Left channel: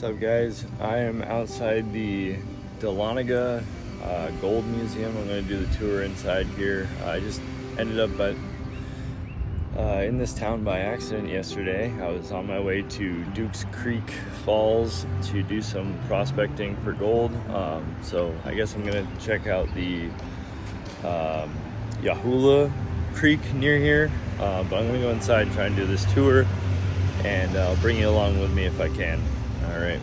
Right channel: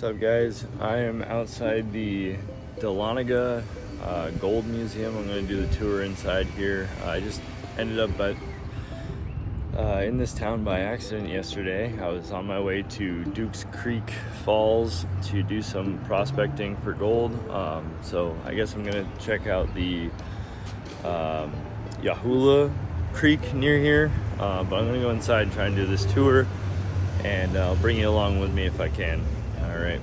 What's up, guys? I am outside the Dahlonega Gold Museum. I'm going to do the tour inside here. I just ended up in this town by accident yesterday. I was on my way to Dukes Creek Falls to do some prospecting for gold. So I guess I'm going to check out the Yahula Creek near here. But I'm going to go inside and try and do this tour, and I'll bring you along with me if I can. All right.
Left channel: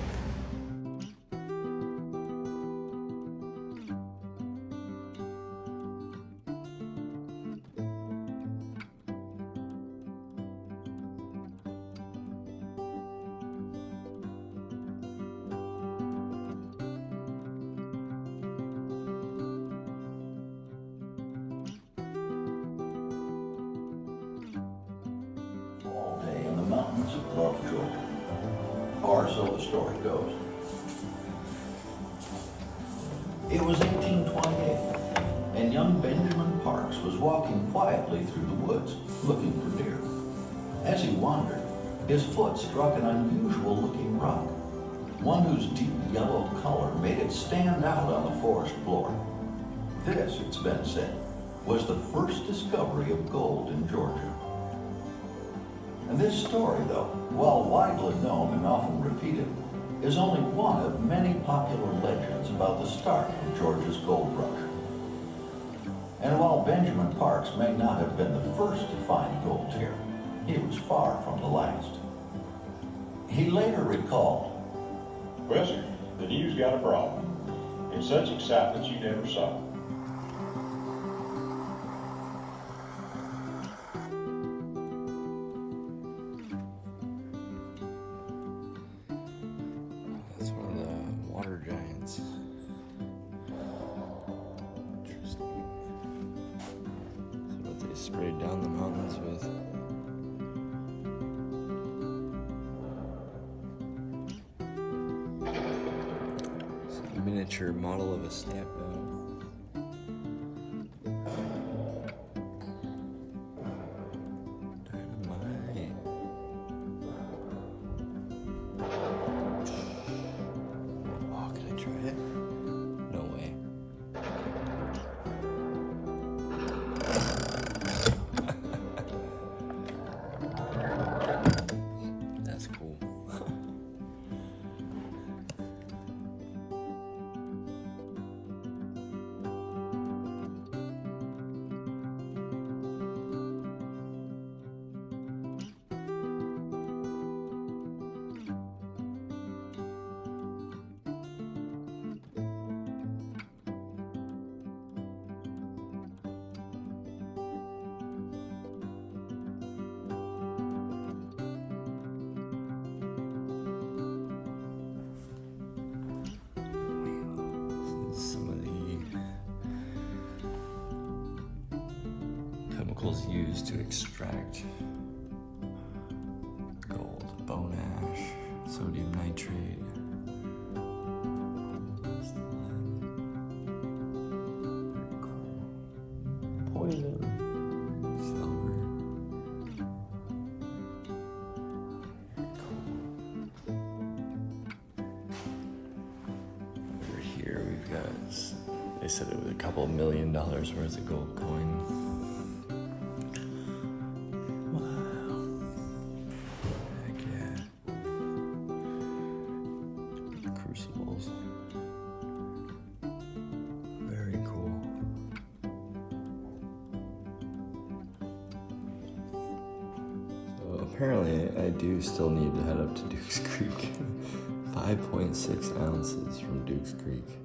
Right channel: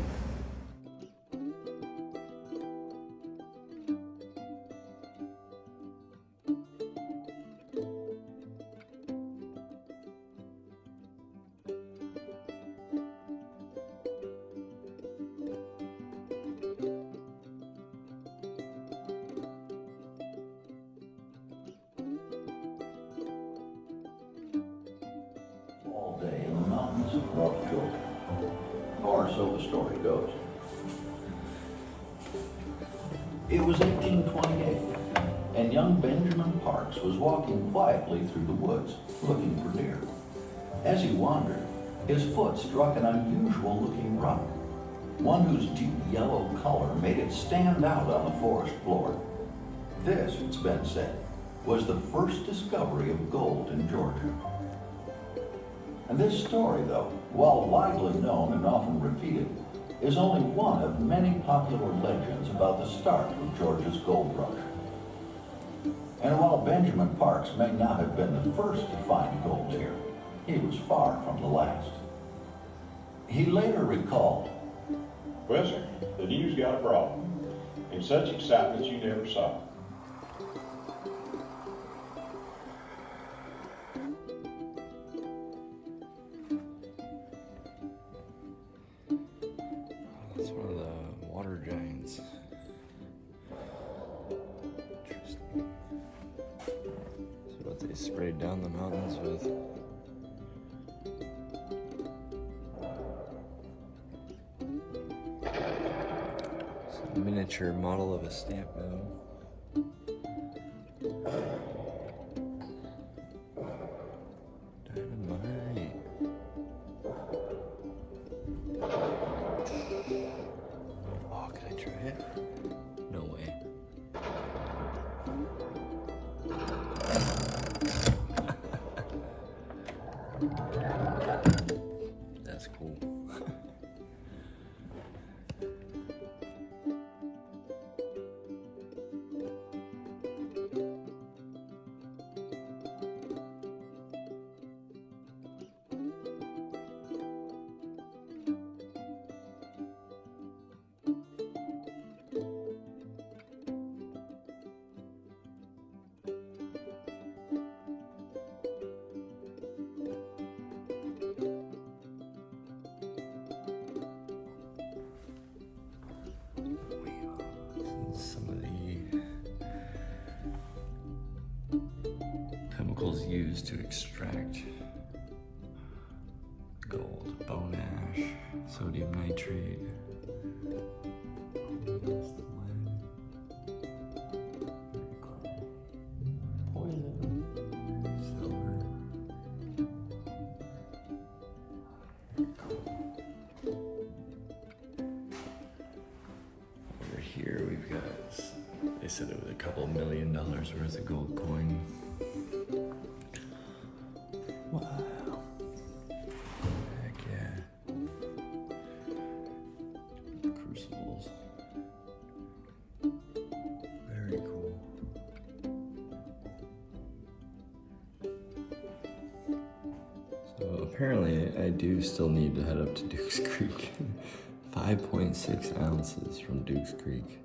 All day in the mountains of North Georgia, or so the story goes. It was 1828, and young Benjamin Parks was walking quietly through the woods, looking for deer. As he wandered, his foot struck an unusual-looking rock, one whose deep yellow color made it stand out on the forest floor. This, it's been said, was the first discovery of gold in Georgia. And this story, though, while widely known and often repeated, is only one of many popular legends about the start of Georgia's gold rush. And while Benjamin Parks may not have been the first to find gold here, he was far from the last. He later recalled, "Well, sir, the news got abroad, in such excitement you never saw. That's one of the water giants. Interesting. That's what they sprayed down the mountains with. It's a miniature model of a stamp mill. Dynamite. Oh, can I try it? No way. That's cool. Some of the chemicals used to extract gold: bone ash, sodium nitrate. That's the lead. Poison. Silver. Very cool. Over here we've got, they said it was a couple $1 million worth of gold coin. Wow. Heck yeah. Crucibles. Very cool. So apparently I do still need to head up to Dukes Creek. 5.6 ounces from Dukes Creek.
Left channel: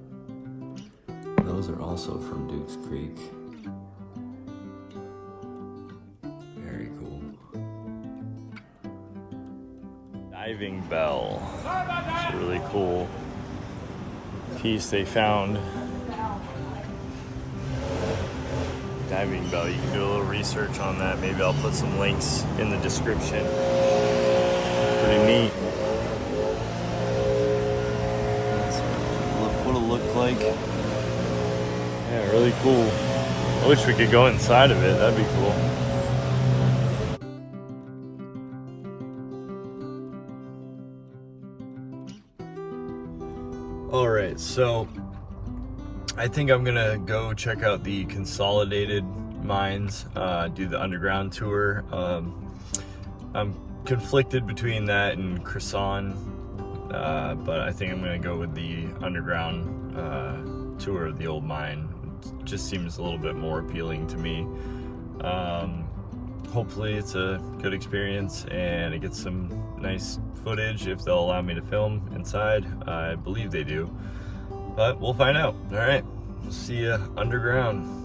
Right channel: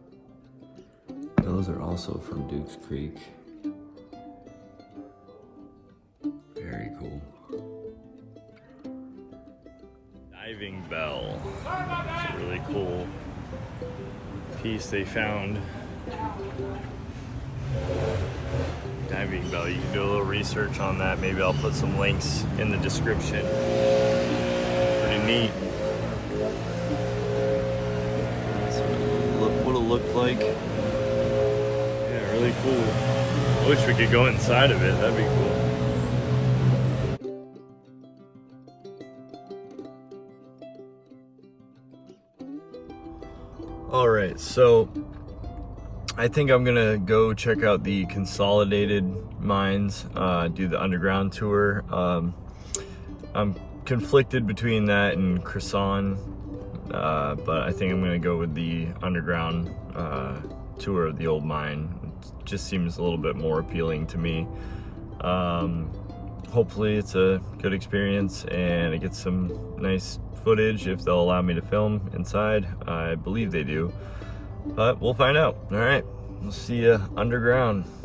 Those are also from Dukes Creek. Very cool. Diving bell. It's a really cool piece they found. Diving bell. You can do a little research on that. Maybe I'll put some links in the description. Pretty neat. That's what it would have looked like. Yeah, really cool. I wish we could go inside of it. That'd be cool. Alright, so I think I'm gonna go check out the consolidated mines, do the underground tour. I'm conflicted between that and Croissant, but I think I'm gonna go with the underground tour of the old mine. It just seems a little bit more appealing to me. Hopefully it's a good experience and I get some nice footage if they'll allow me to film inside. I believe they do, but we'll find out. All right, we'll see you underground.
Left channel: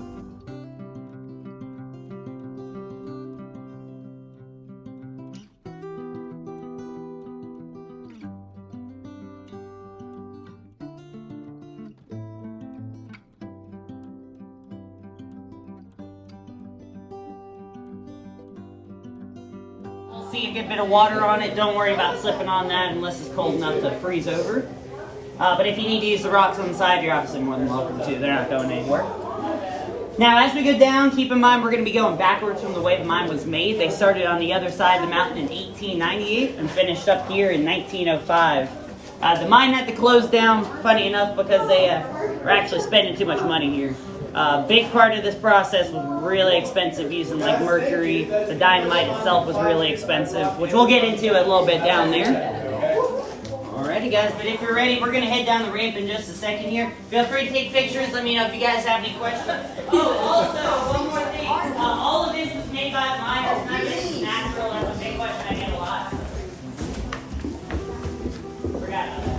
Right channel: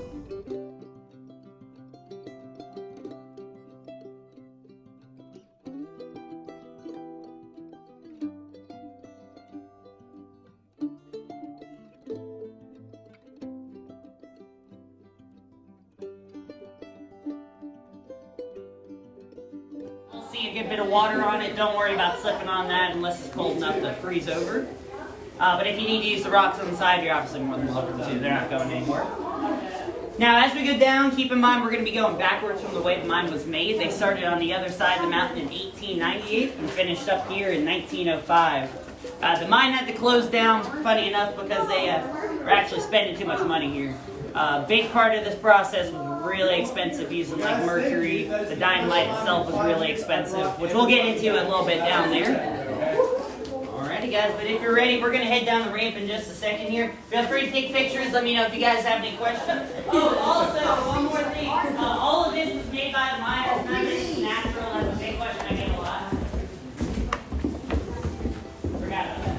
See a good bit of water on it. Don't worry about slipping on that unless it's cold enough to freeze over. But if you need to use the rocks on the side, you're obviously more than welcome to. They're not going anywhere. Now, as we go down, keep in mind we're going to be going backwards from the way the mine was made. They started on the other side of the mountain in 1898 and finished up here in 1905. The mine had to close down, funny enough, because they were actually spending too much money here. Big part of this process was really expensive, using like mercury. The dynamite itself was really expensive, which we'll get into a little bit down there. Alrighty guys, but if you're ready, we're gonna head down the ramp in just a second here. Feel free to take pictures. Let me know if you guys have any questions. Oh, also, one more thing. All of this was made by the miners. None of this is natural. That's a big question I get a lot. Forgot about that.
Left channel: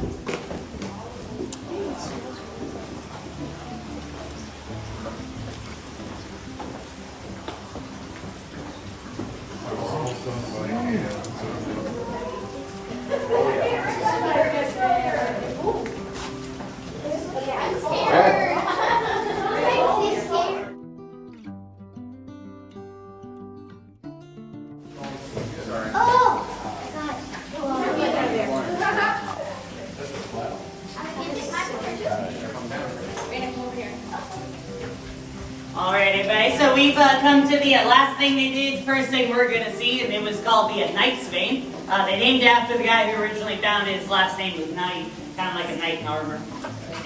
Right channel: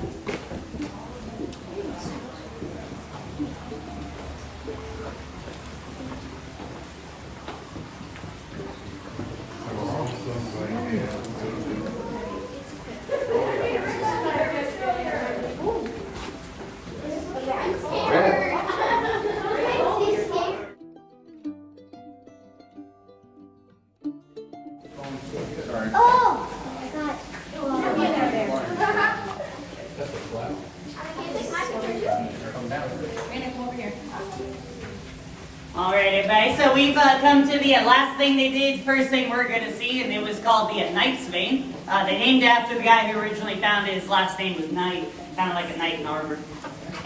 Alright everybody, so we've come to the last thing they did, first thing we're going to see, and it was called the Knight's Vein. They named it after the guy who originally found it. His last name was Knight, kind of like a knight in armor.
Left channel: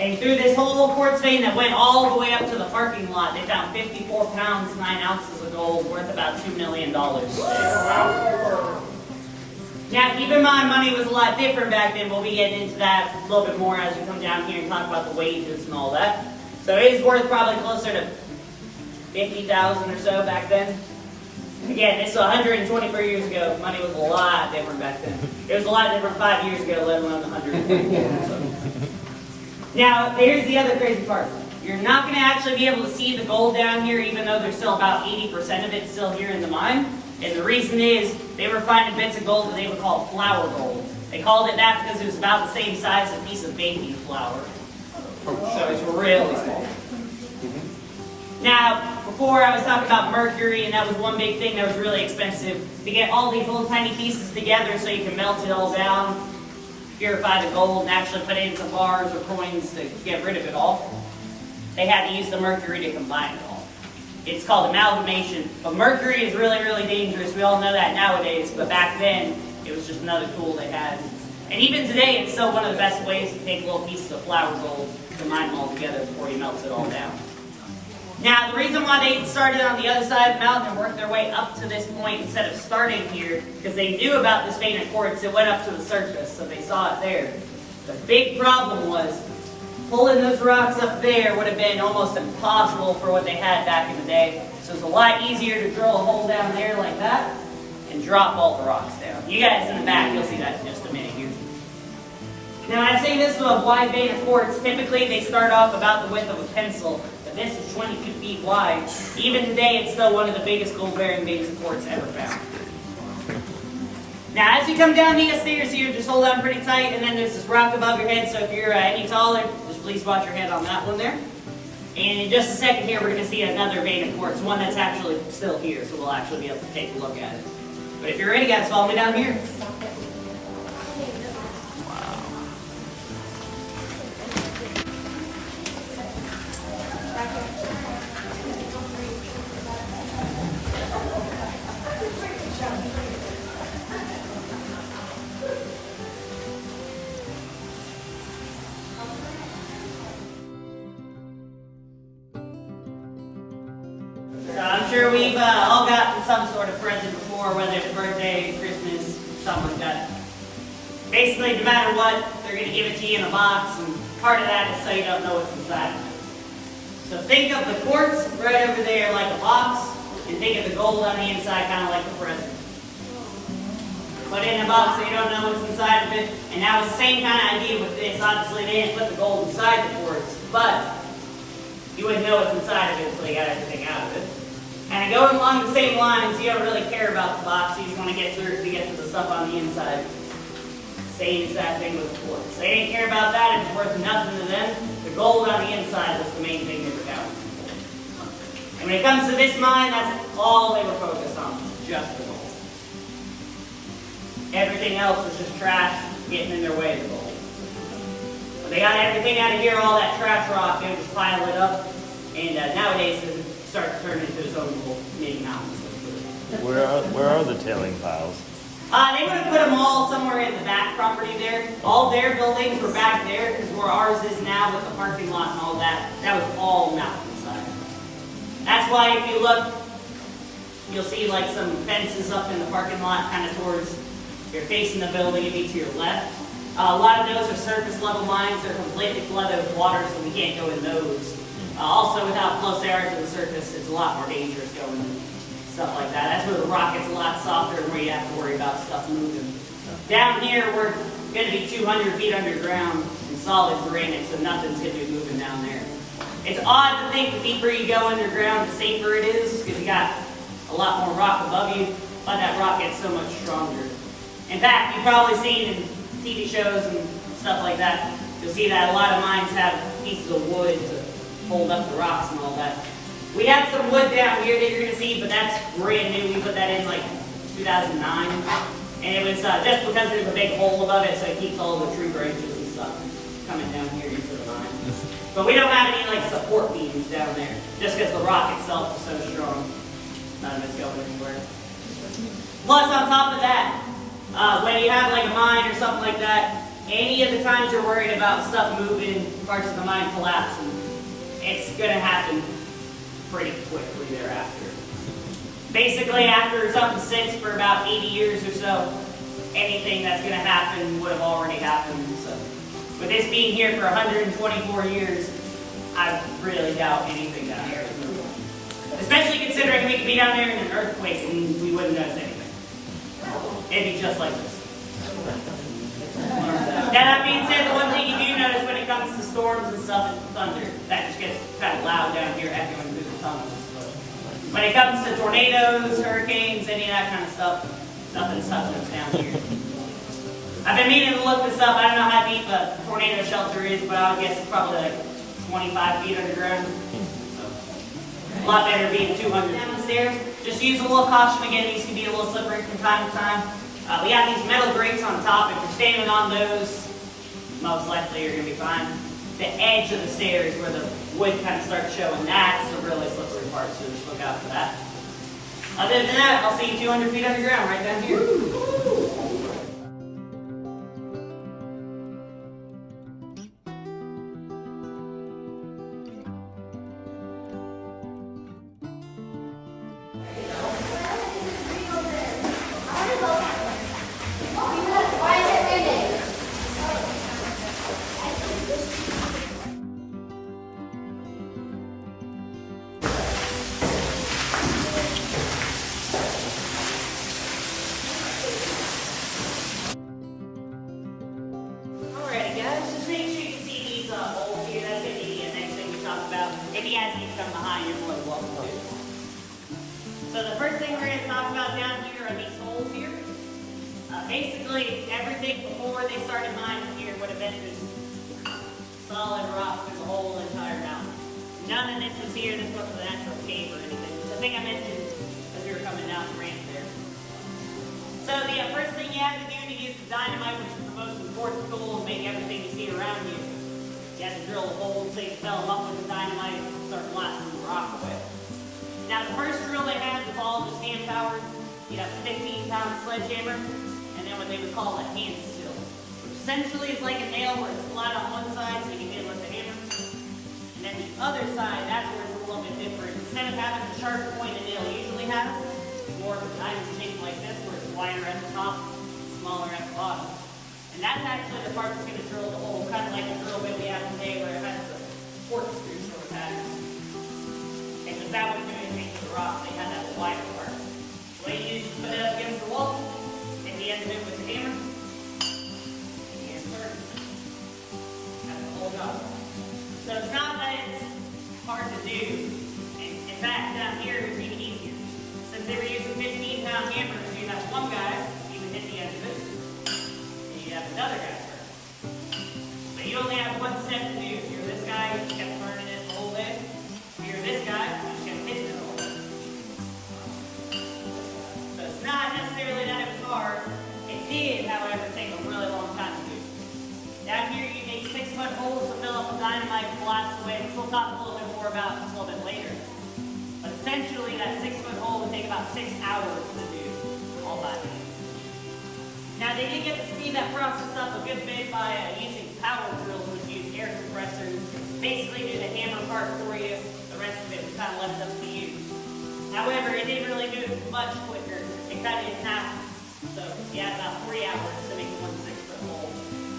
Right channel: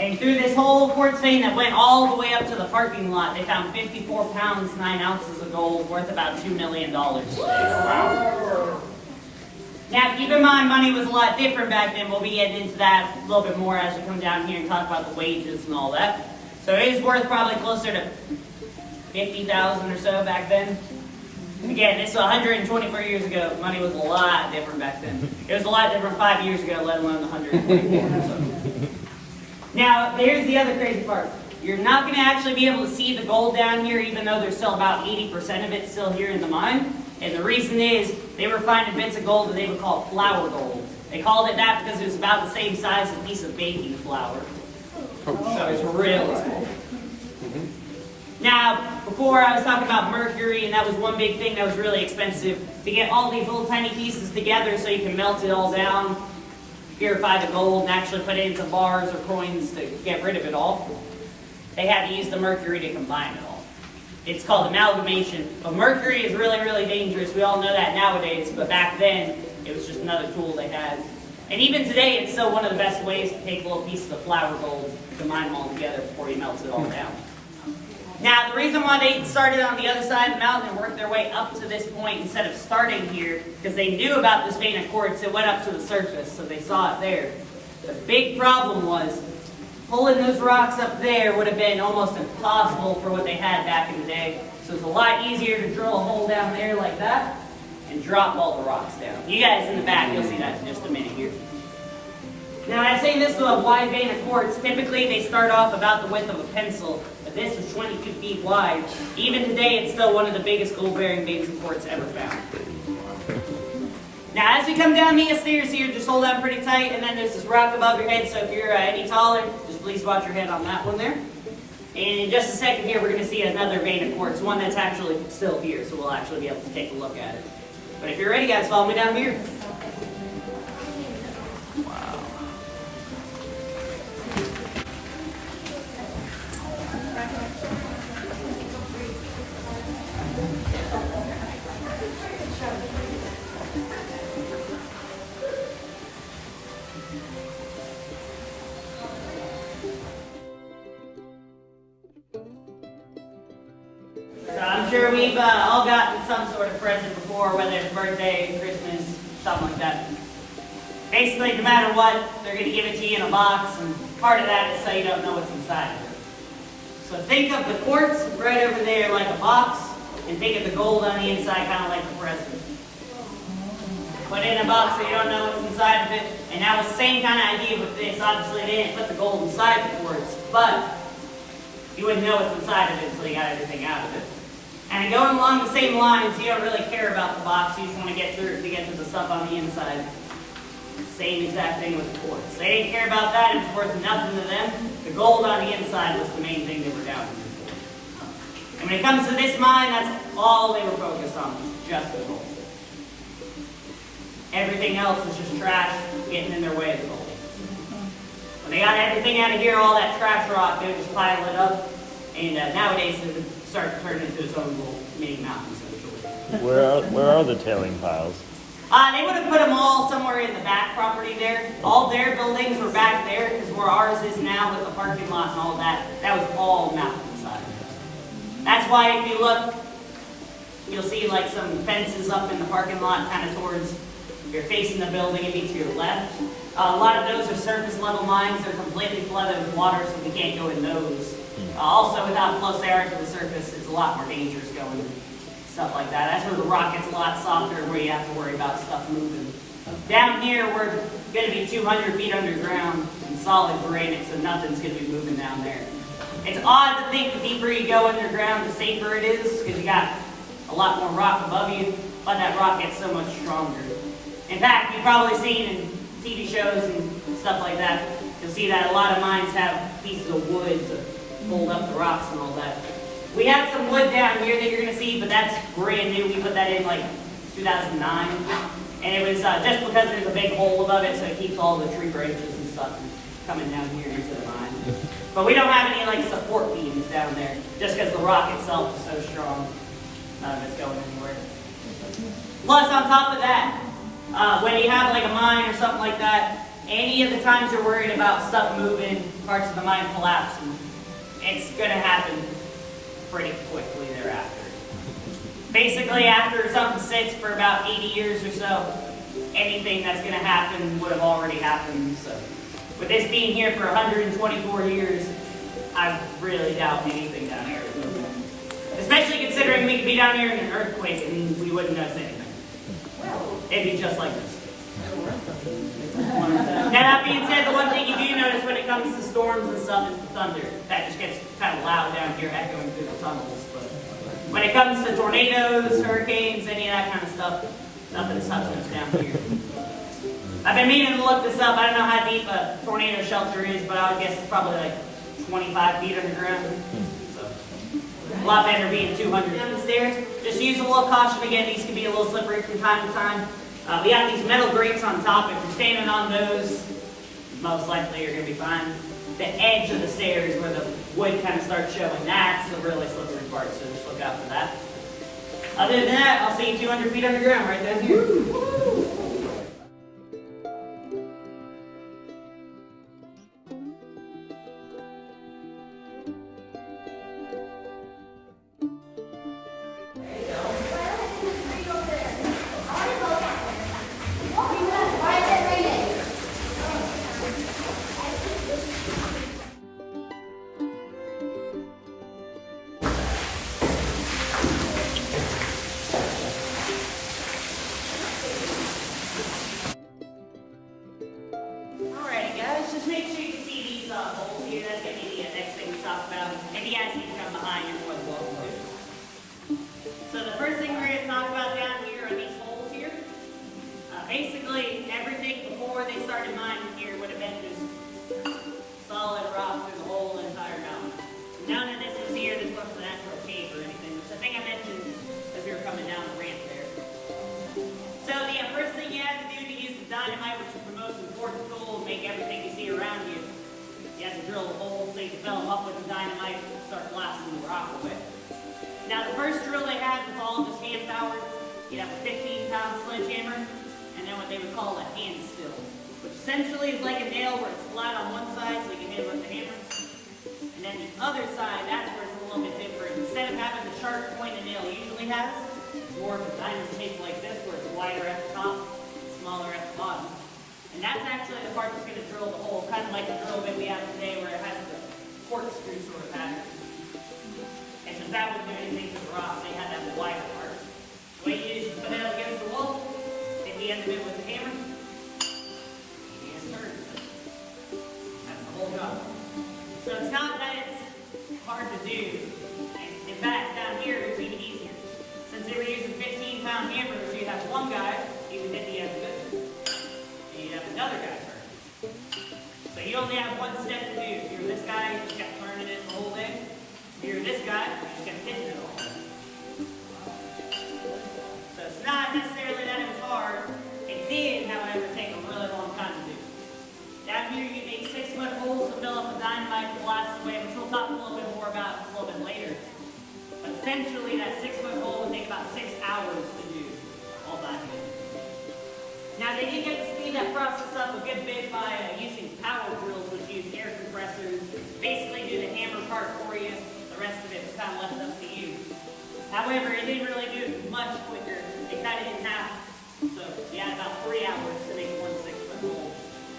And through this whole quartz vein that went all the way up to the parking lot, they found 54 pounds, 9 ounces of gold worth about $2 million. Now keep in mind, money was a lot different back then. We'll be getting into that a little bit more as we come down here and talk about the wages and all that. So it is worth probably closer to 50,000 or so back then. Again, this is 124 years ago. Money was a lot different back then. It was a lot different 5 years ago, let alone 124. Now, here's the other crazy part. You're not going to actually be able to see the gold down here, even though there's still about 80% of it still here in the mine. And the reason is, they were finding bits of gold that they would call flour gold. They called it that because it was about the same size as a piece of baking flour. So it's really small. Now, before I was talking about mercury, and that was one big thing that was really expensive, to get all these little tiny pieces together so you can melt it all down, purify the gold, and actually put it into bars or coins to get rid of it all. They had to use the mercury to combine it all. It's called amalgamation. But mercury is really, really dangerous. We all know that nowadays, but back then, it was just another tool they had. And even today, it's still one of the best ways to take little pieces of flour gold, combine them all together before you melt it all down. Now, the reason why they started on the other side of the mountain and worked their way up to this point instead of starting here, because they knew about this vein of quartz, it went up to the surface, so they saw it there. The big problem was, pulling those rocks up there would have been almost impossible for what they had back in the day. So it's a lot easier to drill a hole down there like that and drop all the rocks down. You guys in the back, you'll see that in just a minute here. Now, I'd say this is a wide vein of quartz. Typically, they start off about the width of a pencil. This is 22 feet wide. Even today, it's still one of the biggest gold-bearing veins of quartz ever found. Now, as we come down these stairs here, just hold on pretty tight, and then there's this rock above your head, so if you're any taller, just please watch your head on that one there. And in just a second here, we're going to see another vein of quartz, one that's actually still here, so we'll actually be able to take a look at it. But if you're ready, guys, follow me down here. Wow. sure we've all gotten some sort of present before, whether it's birthday, Christmas, something like that. Basically, no matter what, they're going to give it to you in a box, and part of that is so you don't know what's inside of it. So think of the quartz right over there like a box, and think of the gold on the inside kind of like the present. Put it in a box so you don't know what's inside of it, and now it's the same kind of idea with this. Obviously, they didn't put the gold inside the quartz, but you wouldn't know what's inside of it until you got everything out of it. And going along the same lines, you don't really care about the box, you just want to get through it to get to the stuff on the inside. Same exact thing with quartz. They didn't care about that, it was worth nothing to them. The gold on the inside was the main thing they were down for. And when it comes to this mine, that's all they were focused on, just the gold. Everything else was just trash getting in their way of the gold. When they got everything out of here, all that trash rock, they would just pile it up. And nowadays, it starts to turn into its own little mini mountains. Where are the tailing piles? They would have put them all somewhere in the back property there. All their buildings were back there, because where ours is now with the parking lot and all that, that was all mountainside. That's why if you look, you'll see like some fences up in the parking lot, kind of towards, if you're facing the building, it'd be to your left. A lot of those are surface level mines. They're completely flooded with water, so we can't go in those. Also, with how close they are to the surface, it's a lot more dangerous going in stuff like that. That's where the rock gets a lot softer and where you have to worry about stuff moving. Down here, we're going to be 200 feet underground in solid granite, so nothing's going to be moving down there. It's odd to think the deeper you go underground, the safer it is, because you got a lot more rock above you, but that rock gets so much stronger. In fact, you've probably seen in TV shows and stuff like that, you'll see that a lot of mines have pieces of wood to hold up the rocks and all that. We have some wood down here that you're going to see, but that's brand new. We put that in like 2009. And it was just because there's a big hole above it, so it keeps all the tree branches and stuff coming down here into the mine. But we don't have any like support beams down there, just because the rock itself is so strong. It's going anywhere. Plus, on top of that, when you have like a mine or something like that, any of the times you're worried about stuff moving, parts of the mine collapsing, it's going to happen pretty quickly thereafter. Basically, after something sits for about 80 years or so, anything that's going to happen would have already happened. So, with this being here for 124 years, I really doubt anything down here is moving. Especially considering we could be down here in an earthquake and we wouldn't notice anything. It'd be just like this. Now that being said, the one thing you do notice when it comes to storms and stuff is the thunder. That just gets kind of loud down here, echoing through the tunnels. But when it comes to tornadoes, hurricanes, any of that kind of stuff, nothing's touching us down here. I've been meaning to look this up. I don't know how deep a tornado shelter is, but I would guess it's probably like 25 feet underground. A lot better being 200 in the stairs. Just use a little caution. Again, these can be a little slippery from time to time. We have these metal grates on top. If you're standing on those, most likely you're going to be fine. The edge of the stairs where the wood kind of starts showing, that's the really slippery part, so just look out for that. Other than that, I'll see you 200 feet underground right down here. If you guys need to come behind, you're more than welcome to. So the first thing we're going to talk about down here are these holes here. Basically, everything before they started mining here would have been just solid rock through the whole entire mountain. None of this is here. This wasn't an actual cave or anything. The thing I mentioned as we were coming down the ramp there. So the first thing you had to do to use the dynamite, which is the most important tool to make everything you see around you, you have to drill a hole so you fill them up with the dynamite and start blasting the rock away. Now the first drill they had was all just hand powered. You'd have a 15-pound sledgehammer and then what they would call a hand still, which essentially is like a nail where it's flat on one side so you can hit it with the hammer. And then the other side, that's where it's a little bit different. Instead of having the sharp pointed nail, you has. Or if the diamond shape like this, where it's wider at the top, smaller at the bottom. And that's actually the part that's going to drill the hole, kind of like the drill bit we had today where it has the corkscrew sort of pattern. Because that wouldn't do anything to the rock, they had that wider part. The way you just put it up against the wall, hit the end of it with the hammer, and you turn it. That's the whole job. So it's not that it's hard to do. In fact, down here it's even easier. Since they were using 15-pound hammers, you'd have one guy, he would hit the end of it, and you'd have another guy turn. So you only have one step to do. If you're this guy, you just kept turning it the whole way. If you're this guy, you just kept hitting it the whole way. So it's not necessarily that it was hard. It did, however, take a really long time to do. Down here, you need 6-foot holes to fill up the dynamite blast away, which we'll talk a little bit more about a little bit later. But essentially, that 6-foot hole would take about 6 hours to do all that. Now, they did get to speed that process up a good bit by using power drills, which use air compressors. Basically, do the hammer part for you. The rest of it was kind of left up to you. However, it didn't really do it much quicker. It cut it in half. So you had about 3 hours to make one 6-foot hole.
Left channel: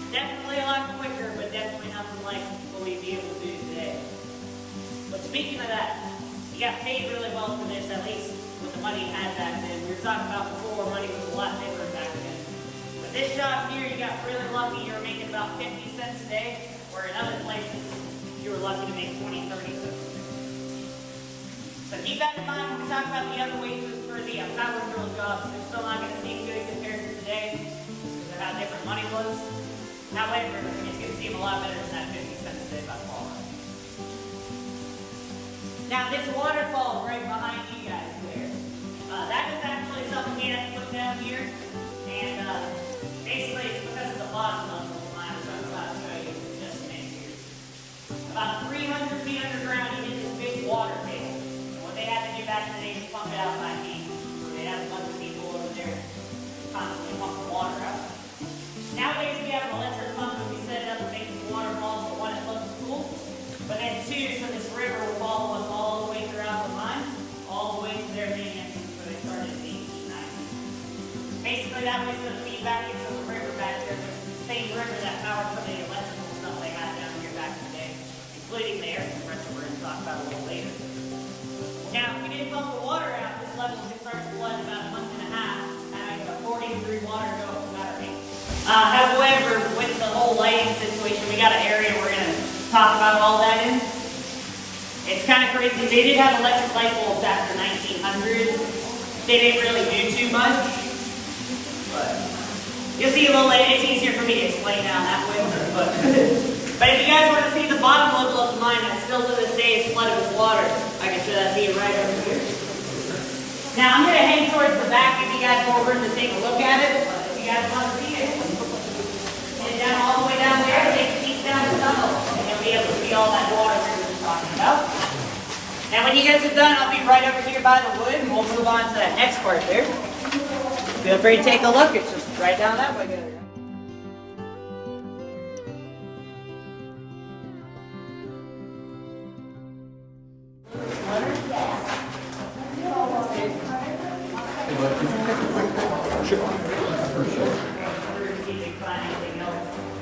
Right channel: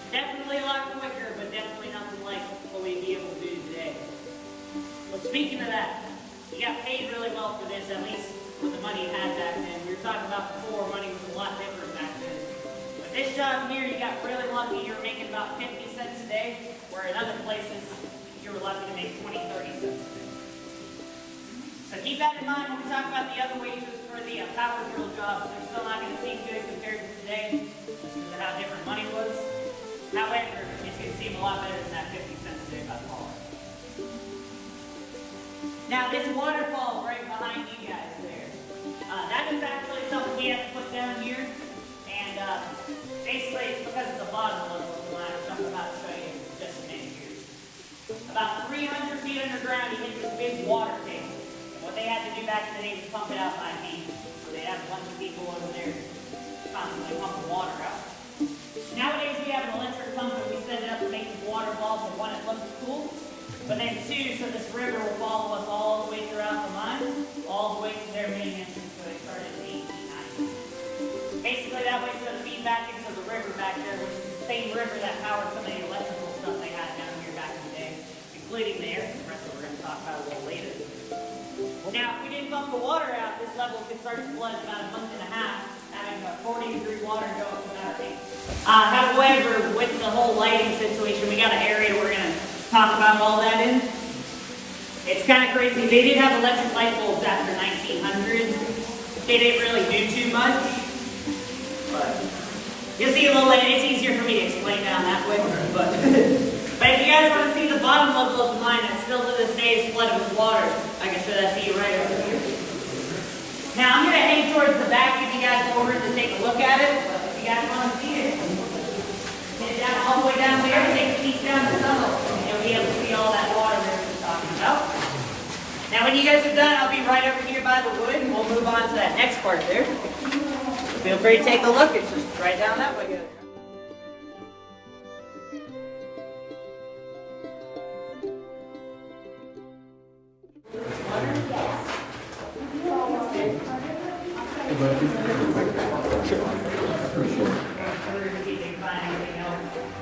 Definitely a lot quicker, but definitely nothing like what we'd be able to do today. But speaking of that, you got paid really well for this, at least with the money you had back then. We were talking about before, money was a lot different back then. But this job here, you got really lucky. You were making about 50 cents a day, where in other places, you were lucky to make 20, 30 cents a day. So keep that in mind when we talk about the other wages for the power drill jobs. They're still not going to seem good compared to today, just because of how different money was. However, it's going to seem a lot better than that 50 cents a day by far. Now, this waterfall right behind you guys there, that is actually something you have to put down here. And basically, it's because of the bottom of the line, which I'm about to show you just in here. About 300 feet underground, you get this big water tank. And what they had to do back in the day was pump it out by hand. So they had a bunch of people over there constantly pumping water out. Nowadays, we have an electric pump that we set it up to make the water balls, so one, it looks cool. But then two, so this river will follow us all the way throughout the line, all the way to their main entrance, so it started in 1890. Basically, that way it's going to feed back into the river back there, which is the same river that powered some of the electrical stuff they had down here back in the day, including the air compressor we're going to talk about a little later. Now, if we didn't pump the water out, this level would start to flood in about a month and a half, having a 40-degree water go up to about 8. However, with the whole lighting situation, we got an area we're going to talk about all that in. It's kind of crazy. They did have electric light bulbs after 1900. They didn't really do too much. But you'll see a little later. It's easier for me to explain down that way. But if you guys want to see the bottom level of the mine that still to this day is flooded with water, I can show that to you right over here. Now I'm going to head towards the back if you guys over to take a look at it. But if you guys want to see it, hit it down all the way down there, take a peek down the tunnel, and you'll be able to see all that water we're talking about. Now when you guys are done, I'll be right over here by the wood, and we'll move on to that next part there. Feel free to take a look. It's just right down that way. Sure.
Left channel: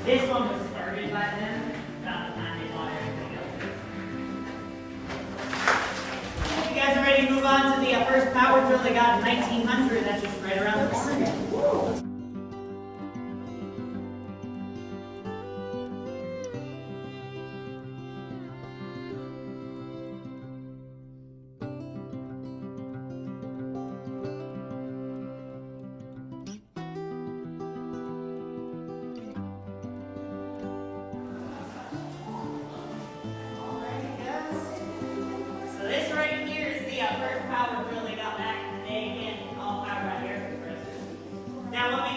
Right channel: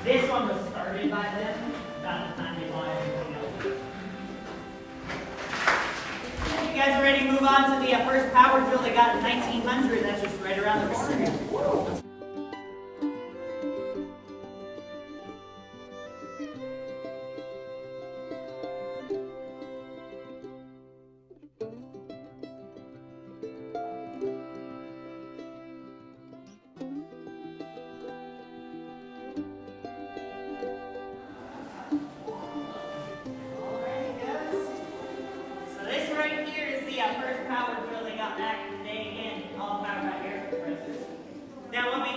This one was started by them, about the time they bought everything else. You guys are ready to move on to the first power drill they got in 1900, that's just right around the corner. Now let me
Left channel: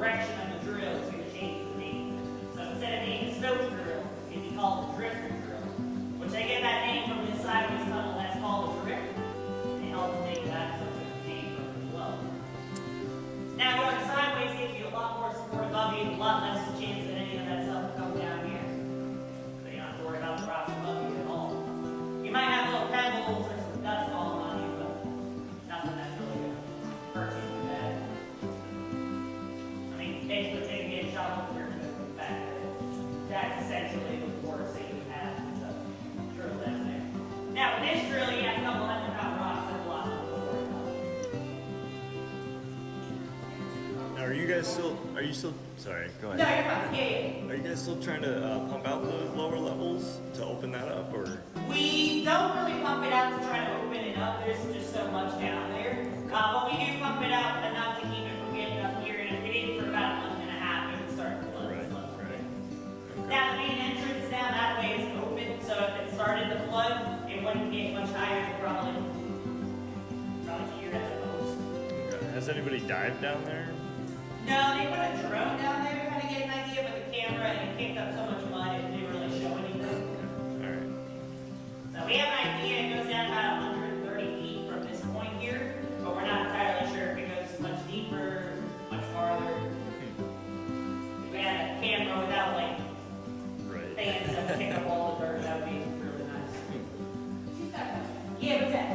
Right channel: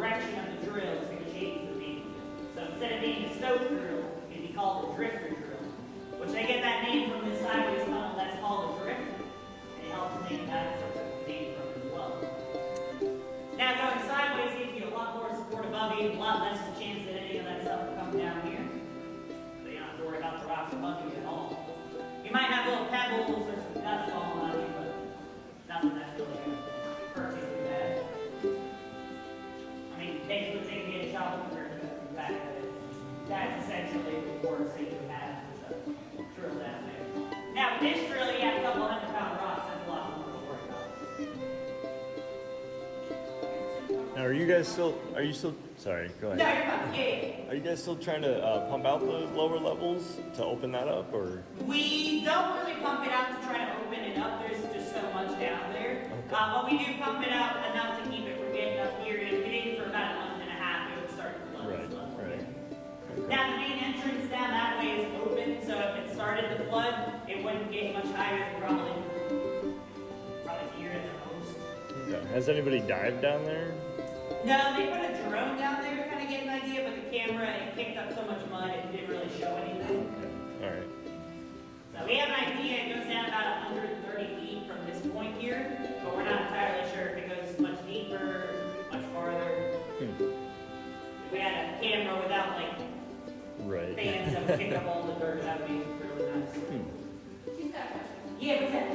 direction of the drill is going to change the name. So instead of being a snow drill, it'd be called a drifter drill, which they get that name from this sideways tunnel that's called a drifter. It helps name that name as well. Now going sideways gives you a lot more support above you, a lot less chance that any of that stuff will come down here. So you don't have to worry about the rocks above you at all. You might have little pebbles or some dust falling on you, but nothing that's really going to hurt you too bad. I mean, basically take a shot with your back. That's essentially the force that you have with the drill down there. Now with this drill, you have a couple 100-pound rocks. That's a lot more to work on. Now, are you still, sorry, go No, ahead. you're fine. Yeah. Are you guys still trying to pump out those lower levels to open that up, or? We don't really pump it out to try to open it up. There's just so much down there. But we do pump it out enough to keep it from getting up here. And if it did for about a month and a half, it would start to flood. Right. Okay. Now the main entrance down that way is open, so if it started to flood, it wouldn't get much higher than probably here at the most. Okay. Has anybody dived down there? No, they put a drone down there to kind of get an idea, but the camera, it kicked up so much mud, it didn't really show anything. Okay. All right. So we have an idea, it goes down about 130 feet from this point here, but we're not entirely sure if it goes much deeper, much farther. If we had a camera without like Right. fans that would pick up all the dirt, that would be really nice. Yeah, what's that?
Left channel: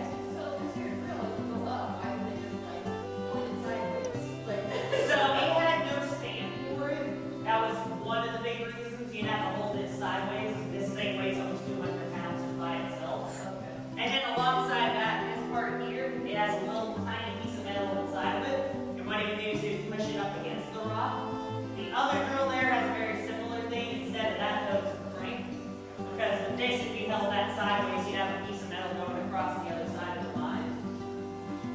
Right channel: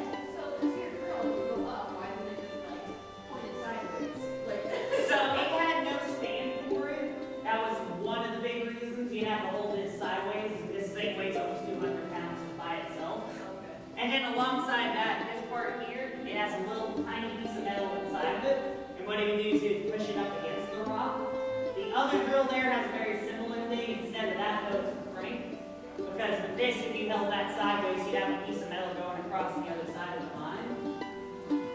So it had no stand for it. That was one of the big reasons. You have to hold it sideways. This thing weighs almost 200 pounds by itself. And then alongside that, this part here, it has a little tiny piece of metal inside of it. And what it would do is it would push it up against the rock. The other drill there has a very similar thing. Instead of that, it was a frame. Because with this, if you held that sideways, you'd have a piece of metal going across the other side of the line.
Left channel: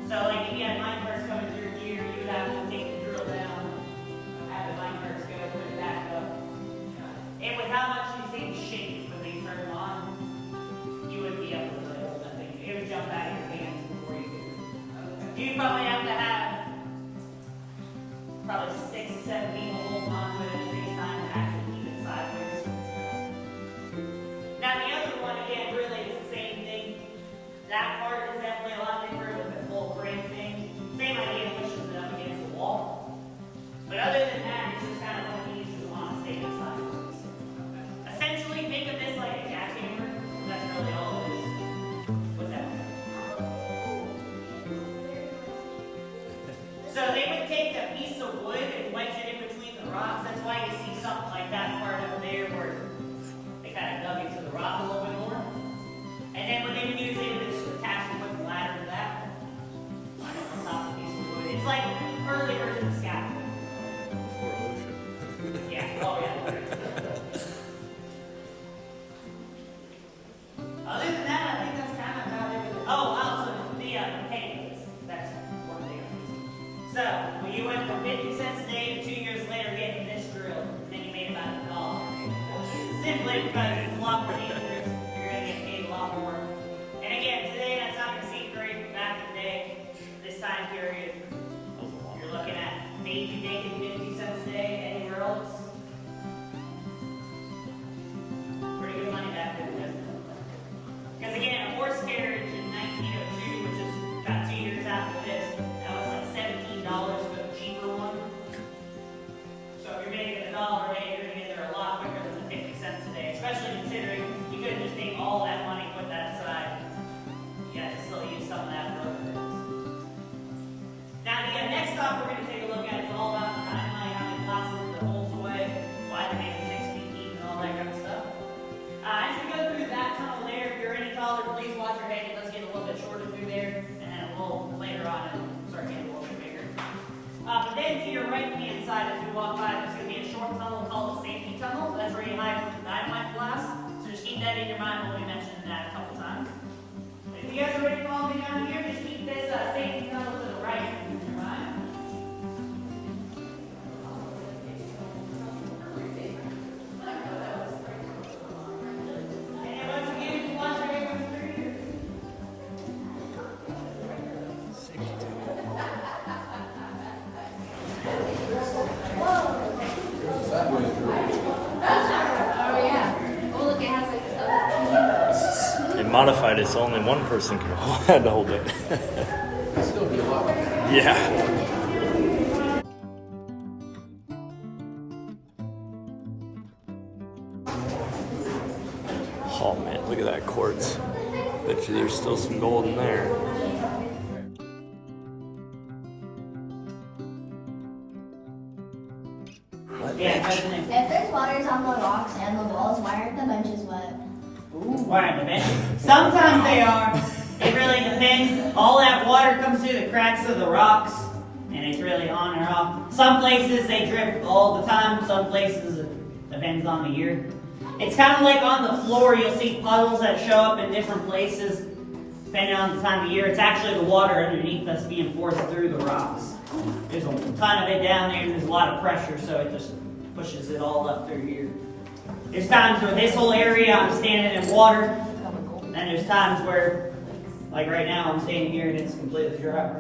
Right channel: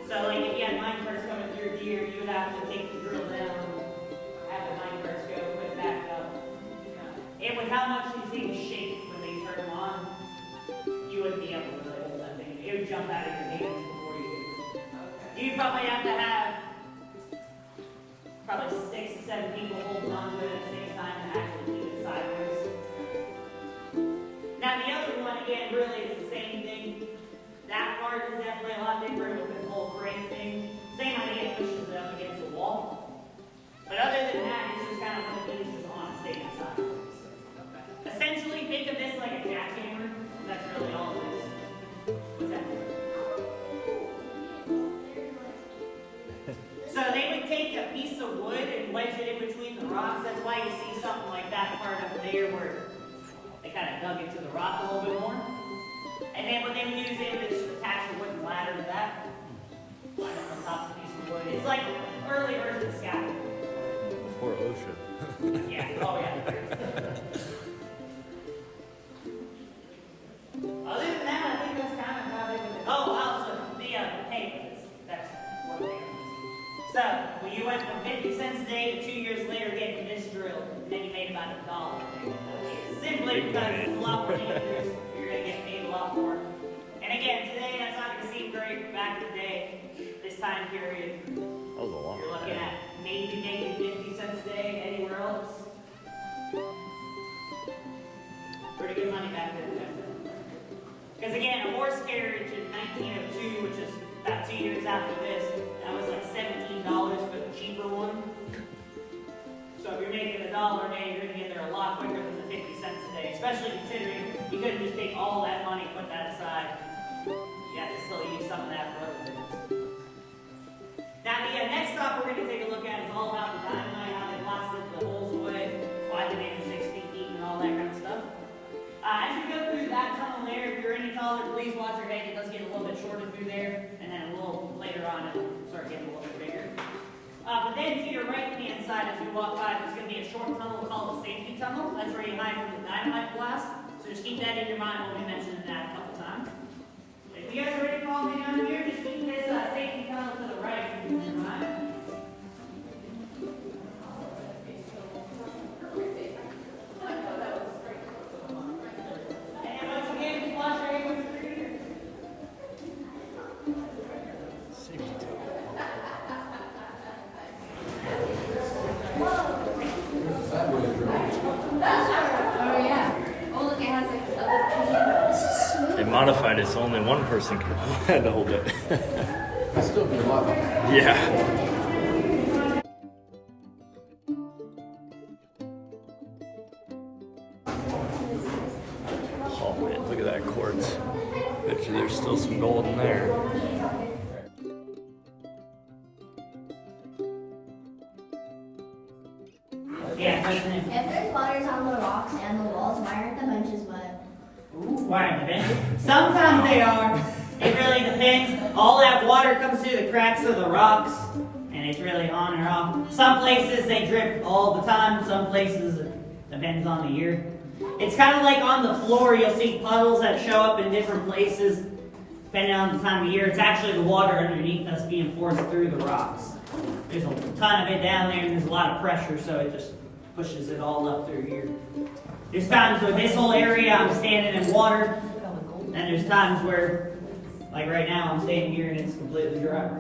So like if you had mine first coming through here, you would have to take the drill down, have the mine first go, put it back up. And with how much these things shake when they turn on, you wouldn't be able to play with that thing. It would jump out of your hands before you could. You'd probably have to have probably 6 to 7 people holding on to it at the same time to actually keep it sideways. Now the other one, again, really is the same thing. That part is definitely a lot different with the full frame thing. Same idea, pushes it up against the wall. But other than that, it's just kind of what these just on stage sideways. Essentially, think of this like a jackhammer. That's really all it is. What's that? So they would take a piece of wood and wedge it in between the rocks. That's why you see something like that part over there where they kind of dug into the rock a little bit more. And then when they would use it, just attach a wooden ladder to that. On top of the piece of wood. It's like early version of scaffolding. Poor ocean. Yeah, oh yeah. Other than that, I think that's kind of about it. Oh, wow, so the paintings. That's one thing. So, when you went from 50 cents a day to 2 years later getting this drill, then you made about $1. Simply because it's a lot more dangerous, you're going to get paid a lot more. And again, today that's not going to seem great. Back in the day, this time period, you're looking at maybe making 50 cents a day anywhere else. Pretty good money back then. Because again, a horse carriage in 1902, which is about 2 years after this, that was like $17 for the cheaper one. So if you're making $1 a day, you're going to get there a lot quicker than the 50 cents a day, especially considering you couldn't just take all that money, put that aside. You have to still use some of that for other things. Now, the next stop we're going to take a look at is all about the dynamite, how they blasted the holes away, why they made them 6 feet deep, and all that kind of stuff. As we go through that tunnel there, if you're any taller, please watch your head. It does get a little bit shorter through there, and then a little later on it'll start getting a little bit bigger. But then to your right-hand side, as we walk by, there's going to be a short tunnel called the safety tunnel. That's where you hide from the dynamite blast. So just keep that in your mind. We'll be mentioning that a couple times. But if you guys are ready to follow me down here, just keep this safety tunnel to the right. Right? And once again, flush your hair with your ear. Safety tunnel. modified it so only one person can hold it. It's still be a lot. Yeah. Oh man, look at that quartz. Bet you there's still some gold in there. Yeah. If there's waters on the rocks and the walls, why aren't the benches wet? Why aren't the benches? Sometimes they are. It really depends. All that water comes through the cracks of the rocks, and it's really on or off. Some places they drip all the time. Some places it depends on the year. It's kind of like on the floor. You'll see puddles that show up in different places depending on the time of year. It's actually the water underneath us being forced through the rocks. There's a ton of it down there, and there's a lot of pressure, so it just pushes it all up through here. There's times where this whole area I'm standing in water, and there's times where, like right now, I'm standing here and it's completely dry.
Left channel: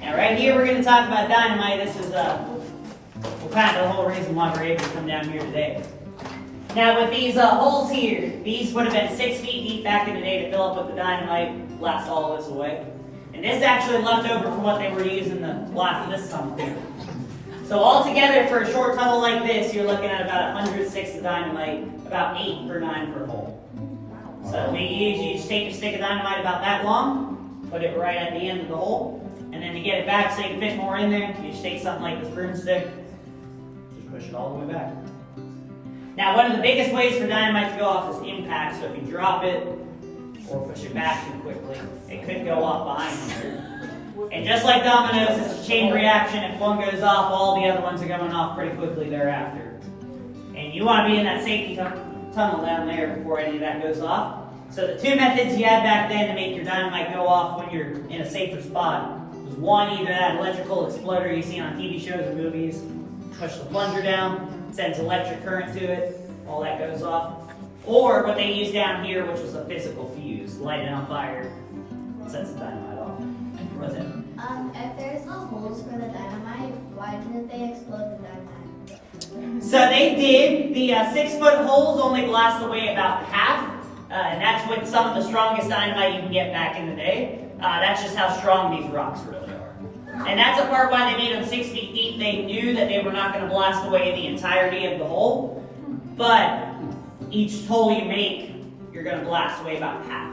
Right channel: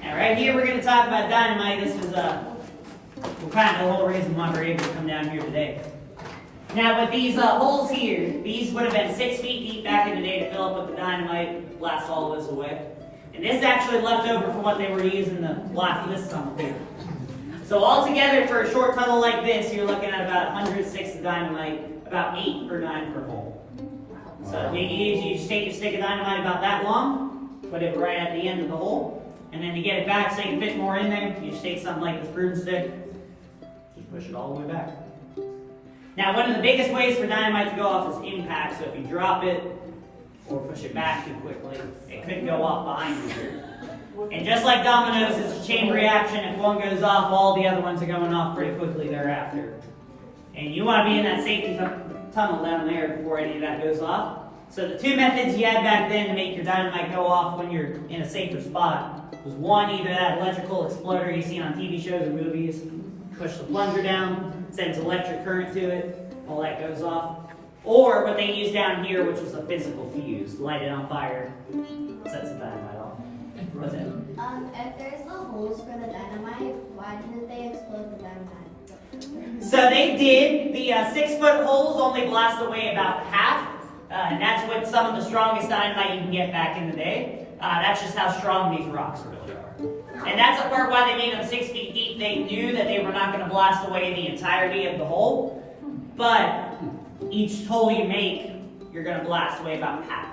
Now right here we're going to talk about dynamite. This is kind of the whole reason why we're able to come down here today. Now with these holes here, these would have been 6 feet deep back in the day to fill up with the dynamite, blast all this away. And this actually left over from what they were using to blast this tunnel here. So altogether for a short tunnel like this, you're looking at about 100 sticks of dynamite, about 8 or 9 per hole. So what you just take a stick of dynamite about that long, put it right at the end of the hole, and then to get it back so you can fit more in there, you just take something like this broomstick, just push it all the way back. Now one of the biggest ways for dynamite to go off is impact, so if you drop it or push it back too quickly, it could go off behind you here. And just like dominoes, it's a chain reaction. If one goes off, all the other ones are going off pretty quickly thereafter. And you want to be in that safety tunnel down there before any of that goes off. So the two methods you had back then to make your dynamite go off when you're in a safer spot was one, either that electrical exploder you see on TV shows and movies, push the plunger down, sends electric current to it, all that goes off. Or what they use down here, which was a physical fuse, light it on fire, sets the dynamite off. What's it? If there's no holes for the dynamite, why didn't they explode the dynamite? So they did. The 6-foot holes only blast away about half. And that's with some of the strongest dynamite you can get back in the day. That's just how strong these rocks really are. And that's the part why they made them 6 feet deep. They knew that they were not going to blast away the entirety of the hole. But each hole you make, you're going to blast away about half.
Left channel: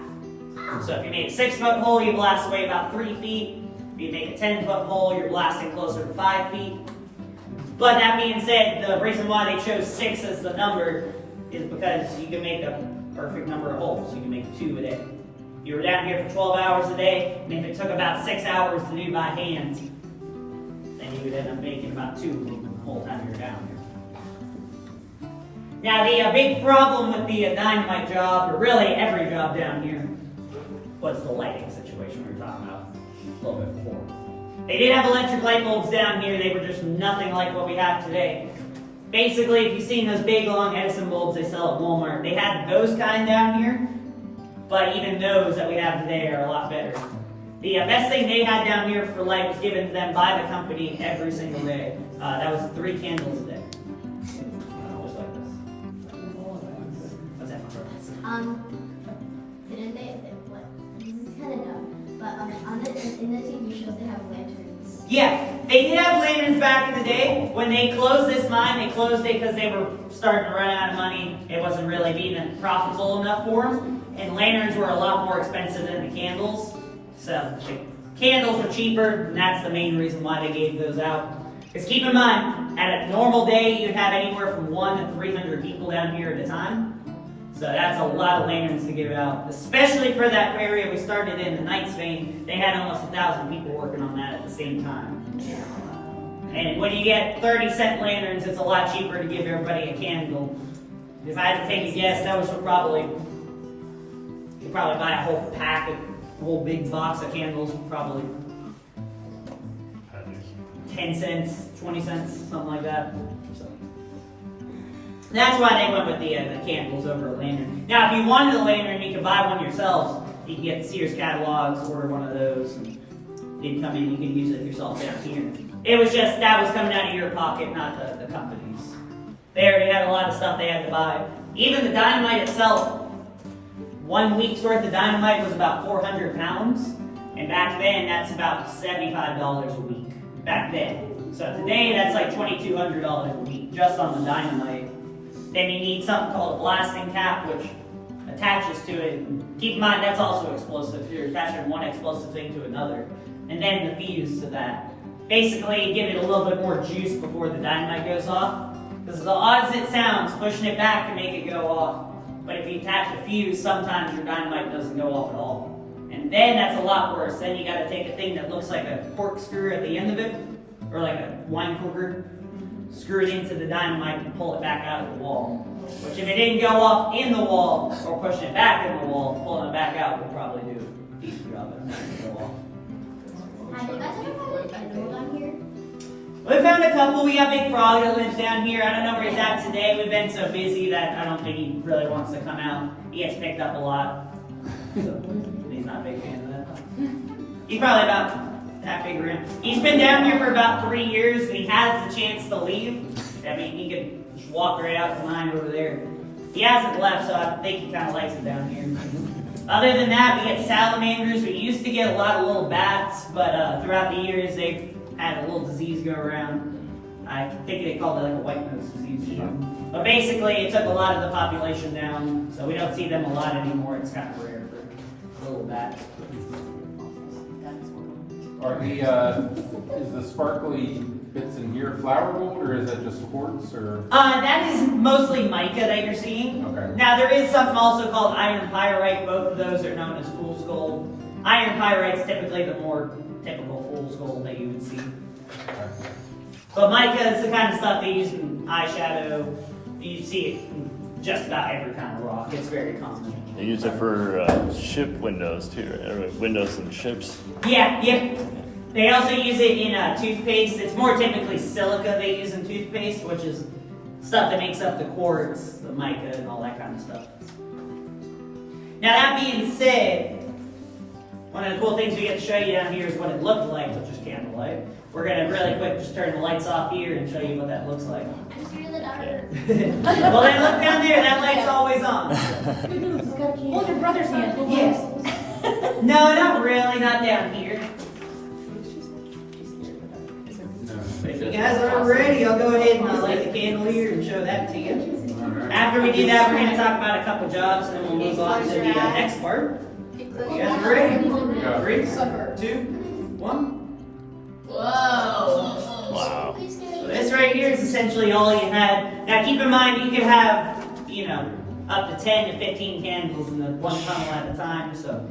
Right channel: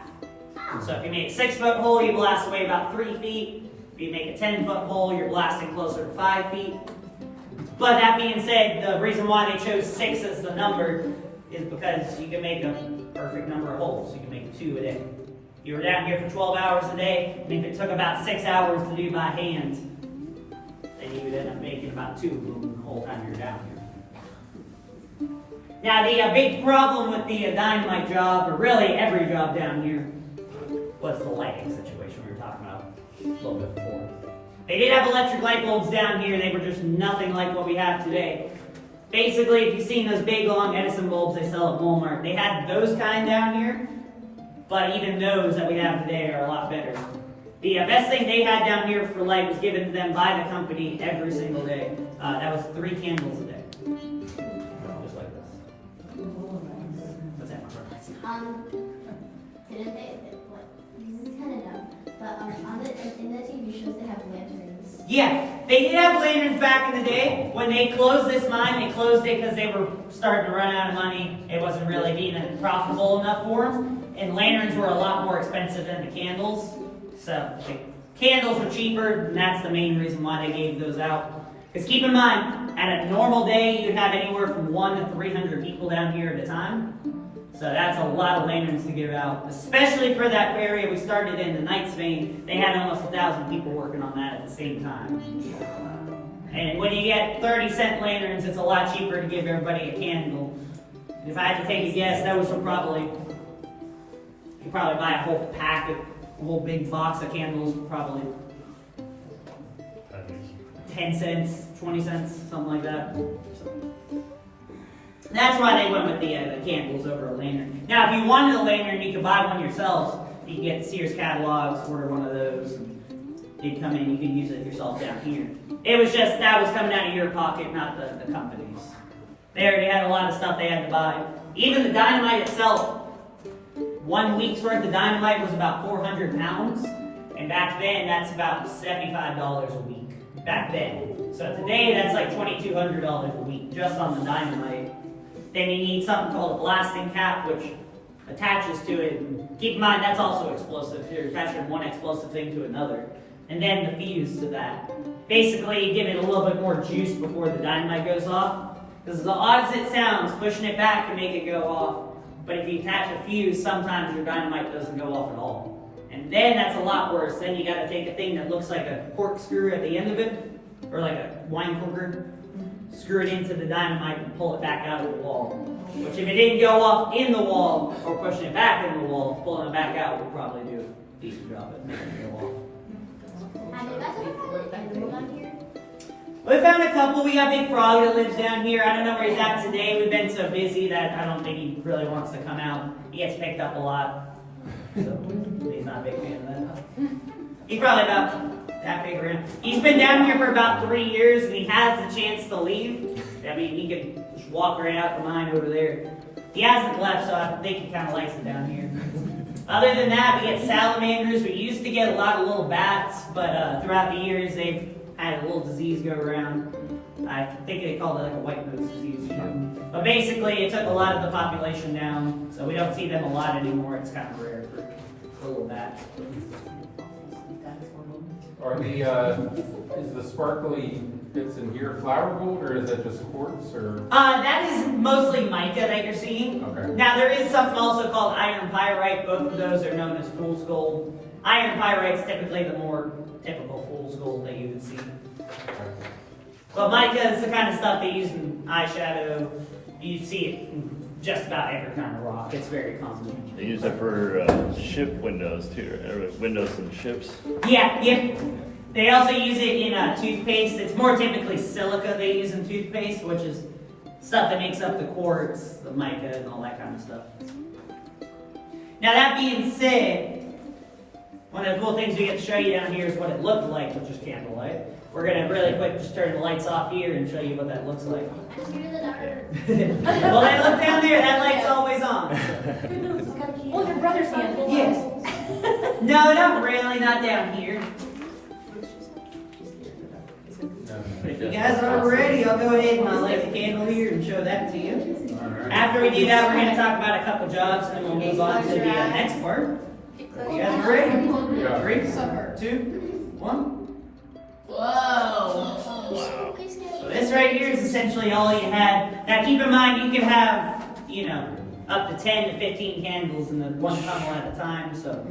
So if you make a 6-foot hole, you blast away about 3 feet. If you make a 10-foot hole, you're blasting closer to 5 feet. But that being said, the reason why they chose 6 as the number is because you can make a perfect number of holes. You can make 2 a day. If you were down here for 12 hours a day, and if it took about 6 hours to do by hand, then you would end up making about 2 of them the whole time you're down here. Now the big problem with the dynamite job, or really every job down here, was the lighting situation we were talking about a little bit before. They did have electric light bulbs down here, they were just nothing like what we have today. Basically, if you've seen those big long Edison bulbs they sell at Walmart, they had those kind down here, but even those that we have today are a lot better. The best thing they had down here for light was given to them by the company every single day. That was 3 candles a day. Just like this. What's that? Didn't they, what, this is kind of dumb, but in the TV shows they have lanterns. Yeah, they did have lanterns back in the day. When they closed this mine, they closed it because they were starting to run out of money. It wasn't really being profitable enough for them. And lanterns were a lot more expensive than the candles. So the candles were cheaper, and that's the main reason why they gave those out. Because keep in mind, at a normal day, you'd have anywhere from 100 to 300 people down here at a time. So that's a lot of lanterns to give out, especially for that area we started in, the Knights vein. They had almost 1,000 people working on that at the same time. And when you get 30-cent lanterns, it's a lot cheaper to give everybody a candle. If I had to take a guess, those would probably, you probably buy a whole pack, a whole big box of candles, probably 10 cents, 20 cents, something like that. That's why they went with the candles over a lantern. Now, if you wanted a lantern, you could buy one yourselves. You can get the Sears catalogs, order one of those, and they'd come in. You can use it yourself down here. It was just that was coming out of your pocket, not the company's. They already had a lot of stuff they had to buy. even the dynamite itself, 1 week's worth of dynamite was about 400 pounds. And back then, that's about $75 a week. Back then. So today, that's like $2,200 a week just on the dynamite. Then you need something called a blasting cap, which attaches to it. Keep in mind, that's also explosive. You're attaching one explosive thing to another. And then the fuse to that. Basically, give it a little bit more juice before the dynamite goes off. Because as odd as it sounds, pushing it back can make it go off. But if you attach a fuse, sometimes your dynamite doesn't go off at all. And then that's a lot worse. Then you gotta take a thing that looks like a corkscrew at the end of it, or like a wine corker, screw it into the dynamite and pull it back out of the wall. Which if it didn't go off in the wall, or pushing it back in the wall, pulling it back out would probably do a decent job of making it go off. Have you guys ever found an animal down here? We found a couple. We got Big Frog that lives down here. I don't know where he's at today. We've been so busy that I don't think he really wants to come out. He gets picked up a lot. So he's not a big fan of that. He's probably about that big around. He's been down here for about 3 years and he has the chance to leave. I mean, he could just walk right out the line over there. He hasn't left, so I think he kind of likes it down here. Other than that, we get salamanders. We used to get a lot of little bats, but throughout the years, they've had a little disease go around. I think they called it like a white nose disease. But basically, it took a lot of the population down, so we don't see them a lot anymore. It's kind of rare for a little bat. Are the, is the sparkly bits in here flower gold, or is it just quartz, or? That is mostly mica that you're seeing. Okay. Now, there is something also called iron pyrite. Both of those are known as fool's gold. Iron pyrite is typically the more typical fool's gold that you would see. But mica is the kind of stuff they use in eyeshadow. You see it in just about every kind of rock. It's very common. They use it for ship windows too, or windows in ships. Yeah, yep. They also use it in toothpaste. It's more typically silica they use in toothpaste, which is stuff that makes up the quartz, the mica, and all that kind of stuff. Now that being said, one of the cool things we get to show you down here is what it looked like with just candlelight. We're gonna really quick just turn the lights off here and show you what that looks like. I'm scared of the dark. Well, then look down there. That light's always on. Hold your brother's hand. Yes. No, not really. Not down here. But if you guys are ready, I'll go ahead and I'll light the candle here and show that to you. After we do that, we're going to talk about a couple jobs, and then we'll move on to the next part. You guys are ready? 3, 2, 1. Wow. So this right here is essentially all you had. Now keep in mind, you can have, up to 10 to 15 candles in the one tunnel at a time, so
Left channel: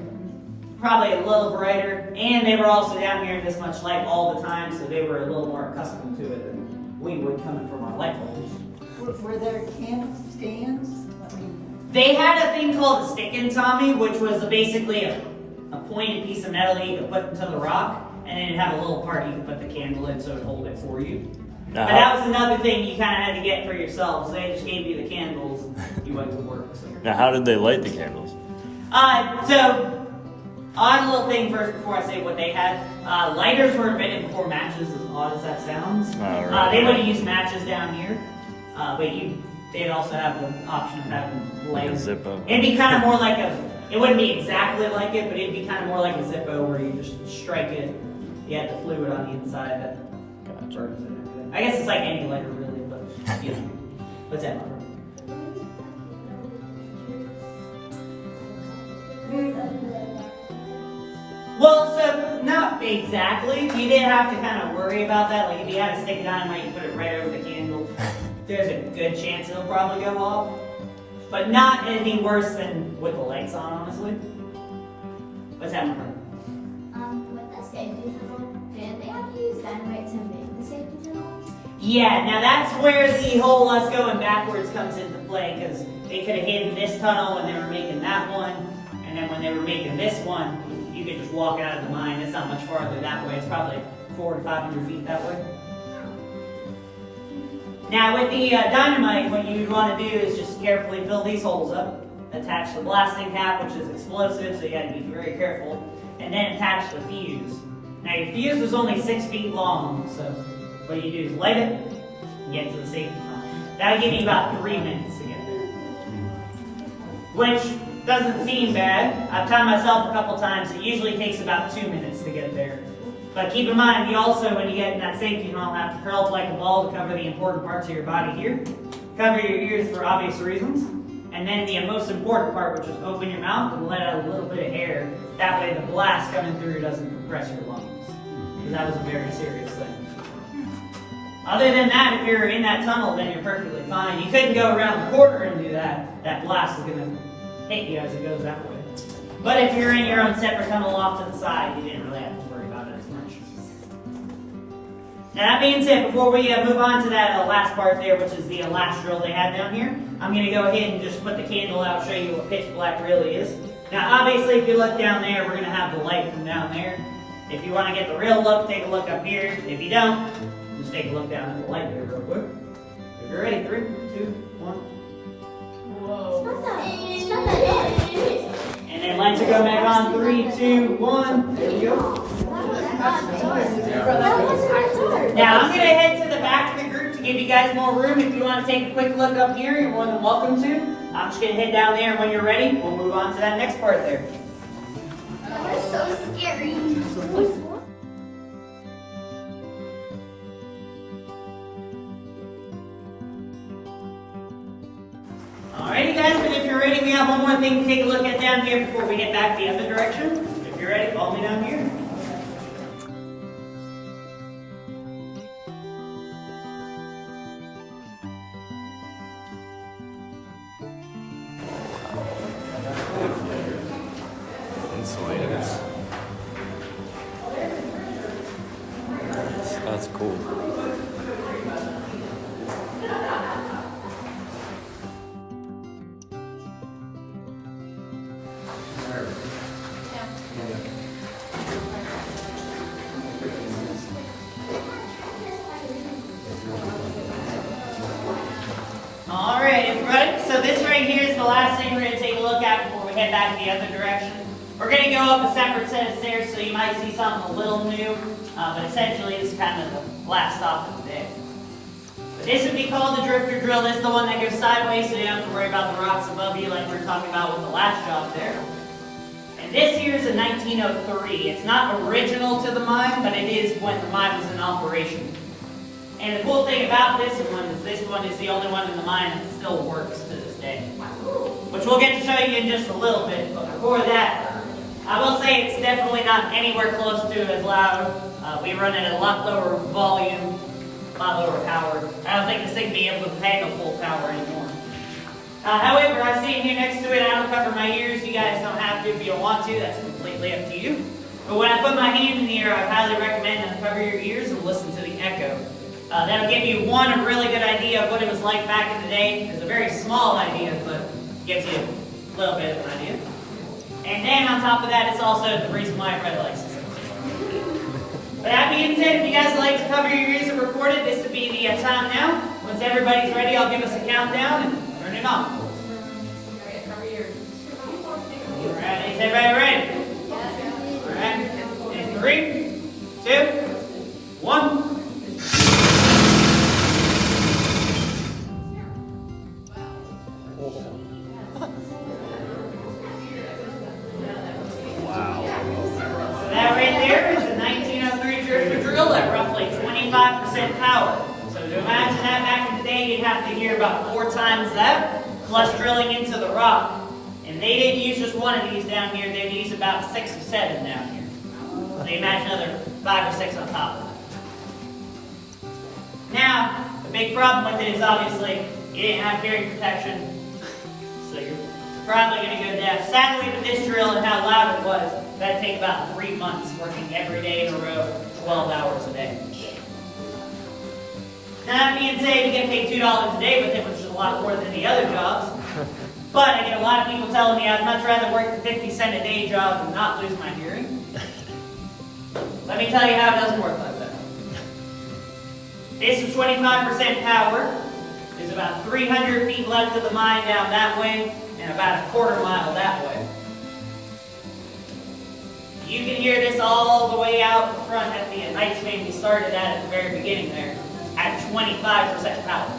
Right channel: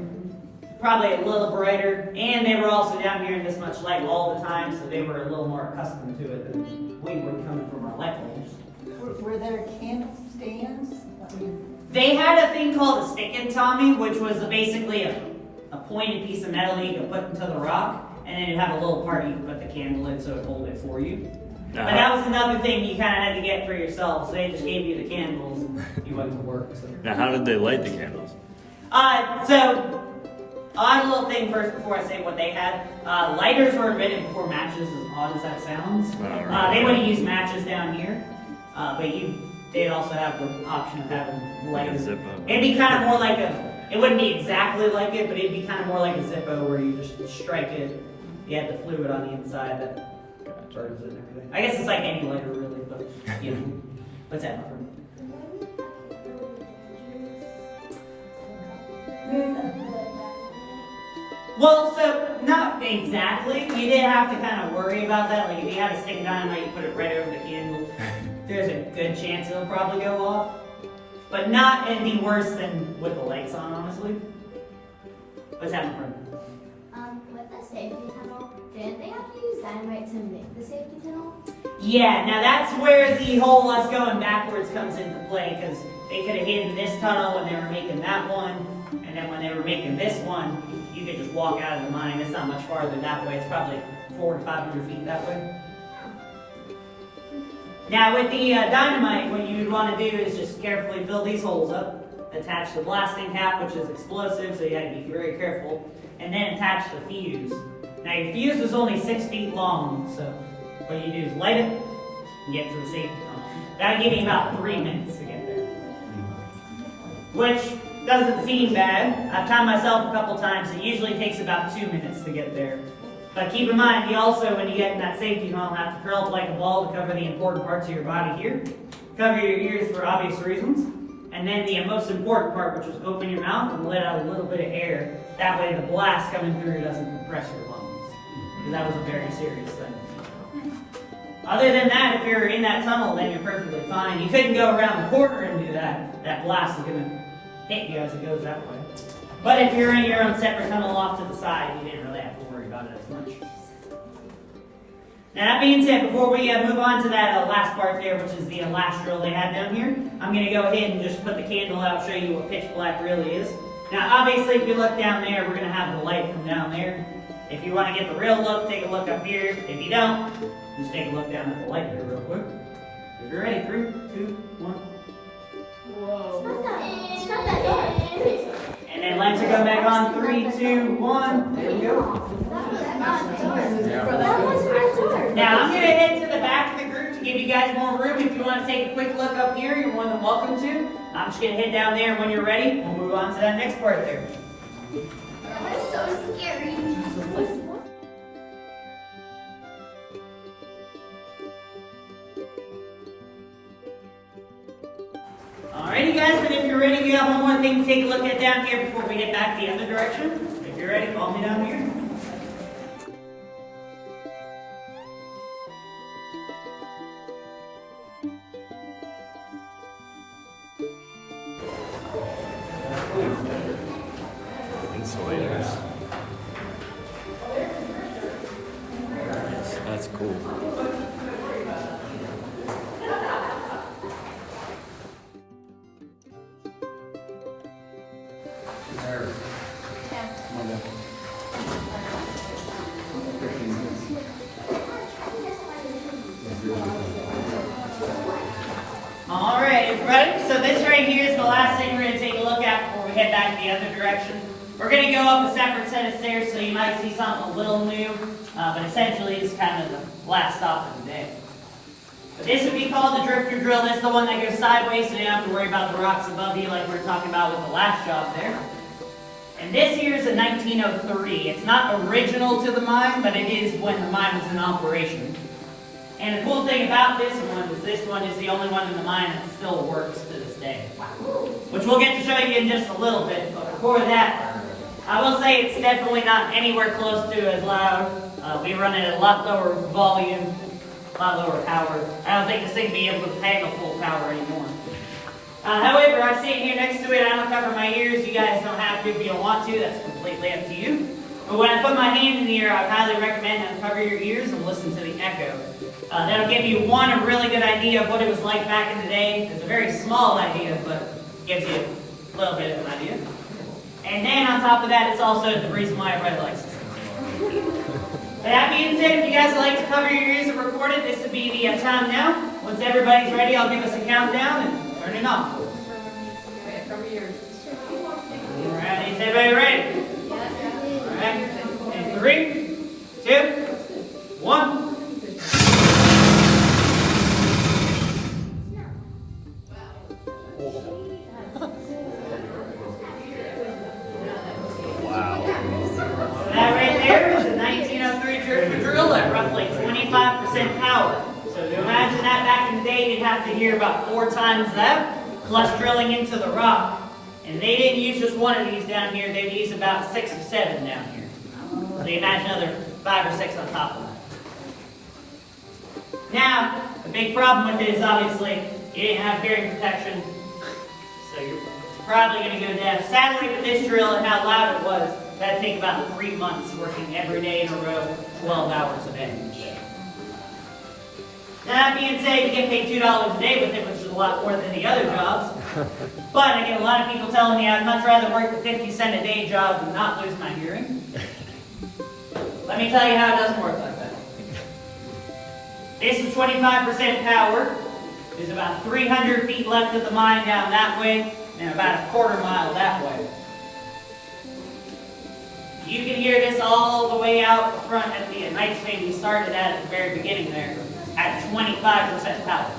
probably a little brighter. And they were also down here in this much light all the time, so they were a little more accustomed to it than we would coming from our light bulbs. Were there candle stands? They had a thing called a stick and Tommy, which was basically a pointed piece of metal that you could put into the rock, and then it'd have a little part you could put the candle in so it'd hold it for you. But that was another thing you kind of had to get for yourself, so they just gave you the candles and you went to work. So. Now, how did they light the candles? So, odd little thing first before I say what they had. Lighters were invented before matches, as odd as that sounds. Right. They would have used matches down here, but they'd also have the option of having lighters. Like a Zippo. It'd be kind of more like it wouldn't be exactly like it, but it'd be kind of more like a Zippo where you just strike it. You had the fluid on the inside that burns it and everything. I guess it's like any lighter really, but what's that? Well, so not exactly. You didn't have to kind of worry about that. Like if you had a stick of dynamite, you put it right over the candle. There's a good chance it'll probably go off, but not any worse than with the lights on, honestly. What's happening from? With the safety tunnel, did they have to use dynamite to make the safety tunnel? Yeah, now that's where the whole us going backwards comes into play, because they could have hidden this tunnel when they were making that one, and then when they were making this one, you could just walk out of the mine. It's not much farther that way. It's probably 400 to 500 feet that way. Now with the dynamite, what you'd want to do is just carefully fill these holes up, attach the blasting cap, which is explosive, so you got to be very careful, and then attach the fuse. Now your fuse was only 6 feet long, so what you do is light it and get to the safety tunnel. That'll give you about 3 minutes to get there. which doesn't seem bad. I've timed myself a couple times. It usually takes about 2 minutes to get there. But keep in mind, you also, when you get in that safety tunnel, have to curl up like a ball to cover the important parts of your body here. Cover your ears for obvious reasons. And then the most important part, which is open your mouth and let out a little bit of air. That way the blast coming through doesn't compress your lungs. Because that was a very serious thing. Other than that, if you're in that tunnel, then you're perfectly fine. You couldn't go around the corner and do that. That blast is going to hit you as it goes that way. But if you're in your own separate tunnel off to the side, you didn't really have to worry about it as much. Now that being said, before we move on to that last part there, which is the last drill they had down here, I'm going to go ahead and just put the candle out, show you what pitch black really is. Now obviously if you look down there, we're going to have the light from down there. If you want to get the real look, take a look up here. If you don't, just take a look down at the light here real quick. If you're ready, 3, 2, 1. Whoa. It's not that bad. And then lights will go back on. 3, 2, 1. There you go. Now I'm going to head to the back of the group to give you guys more room. If you want to take a quick look up here, you're more than welcome to. I'm just going to head down there, and when you're ready, we'll move on to that next part there. That's so scary. Alrighty guys, but if you're ready, we have one more thing to take a look at down here before we head back the other direction. If you're ready, follow me down here. Insulated. That's cool. Alright, everybody, so this right here is the last thing we're going to take a look at before we head back the other direction. We're going to go up a separate set of stairs, so you might see something a little new, but essentially it's kind of the last stop of the day. But this would be called the drifter drill. This is the one that goes sideways, so you don't have to worry about the rocks above you like we were talking about with the last job there. And this here is a 1903. It's not original to the mine, but it is when the mine was in operation. And the cool thing about this one is the only one in the mine that still works to this day. Which we'll get to show you in just a little bit, but before that, I will say it's definitely not anywhere close to as loud. We run it at a lot lower volume, a lot lower power. I don't think this thing will be able to handle full power anymore. However, I'm sitting here next to it, I don't cover my ears. You guys don't have to if you don't want to, that's completely up to you. But when I put my hand in the air, I highly recommend that you cover your ears and listen to the echo. That'll give you a really good idea of what it was like back in the day. It's a very small idea, but gives you a little bit of an idea. And then on top of that, it's also the reason why everybody likes it. But that being said, if you guys would like to cover your ears and record it, this would be the time now. Once everybody's ready, I'll give us a countdown and turn it on. Okay, cover your ears. Alright, is everybody ready? Alright, in 3, 2, 1. Wow. That right there is a 1903 drifter drill at roughly 25% power. So to imagine that back in the day, you'd have to hear about 4 times that, plus drilling into the rock. And they didn't use just one of these down here, they would use about 6 or 7 down here. So you imagine another 5 or 6 on top of that. Now, the big problem with it is obviously you didn't have bearing protection, so you're probably going to go deaf. Sadly, with this drill and how loud it was, that'd take about 3 months working every day in a row, 12 hours a day. Now, that being said, you get paid $2 a day with it, which is a lot more than the other jobs. But I get a lot of people telling me I'd much rather work the 50-cent a day job than not lose my hearing. Let me tell you how it doesn't work like that. This is 25% power. There's about 300 feet left of the mine down that way, and about a quarter mile that way. You can hear this all the way out the front at the night station we started at the very beginning there, at 25% power.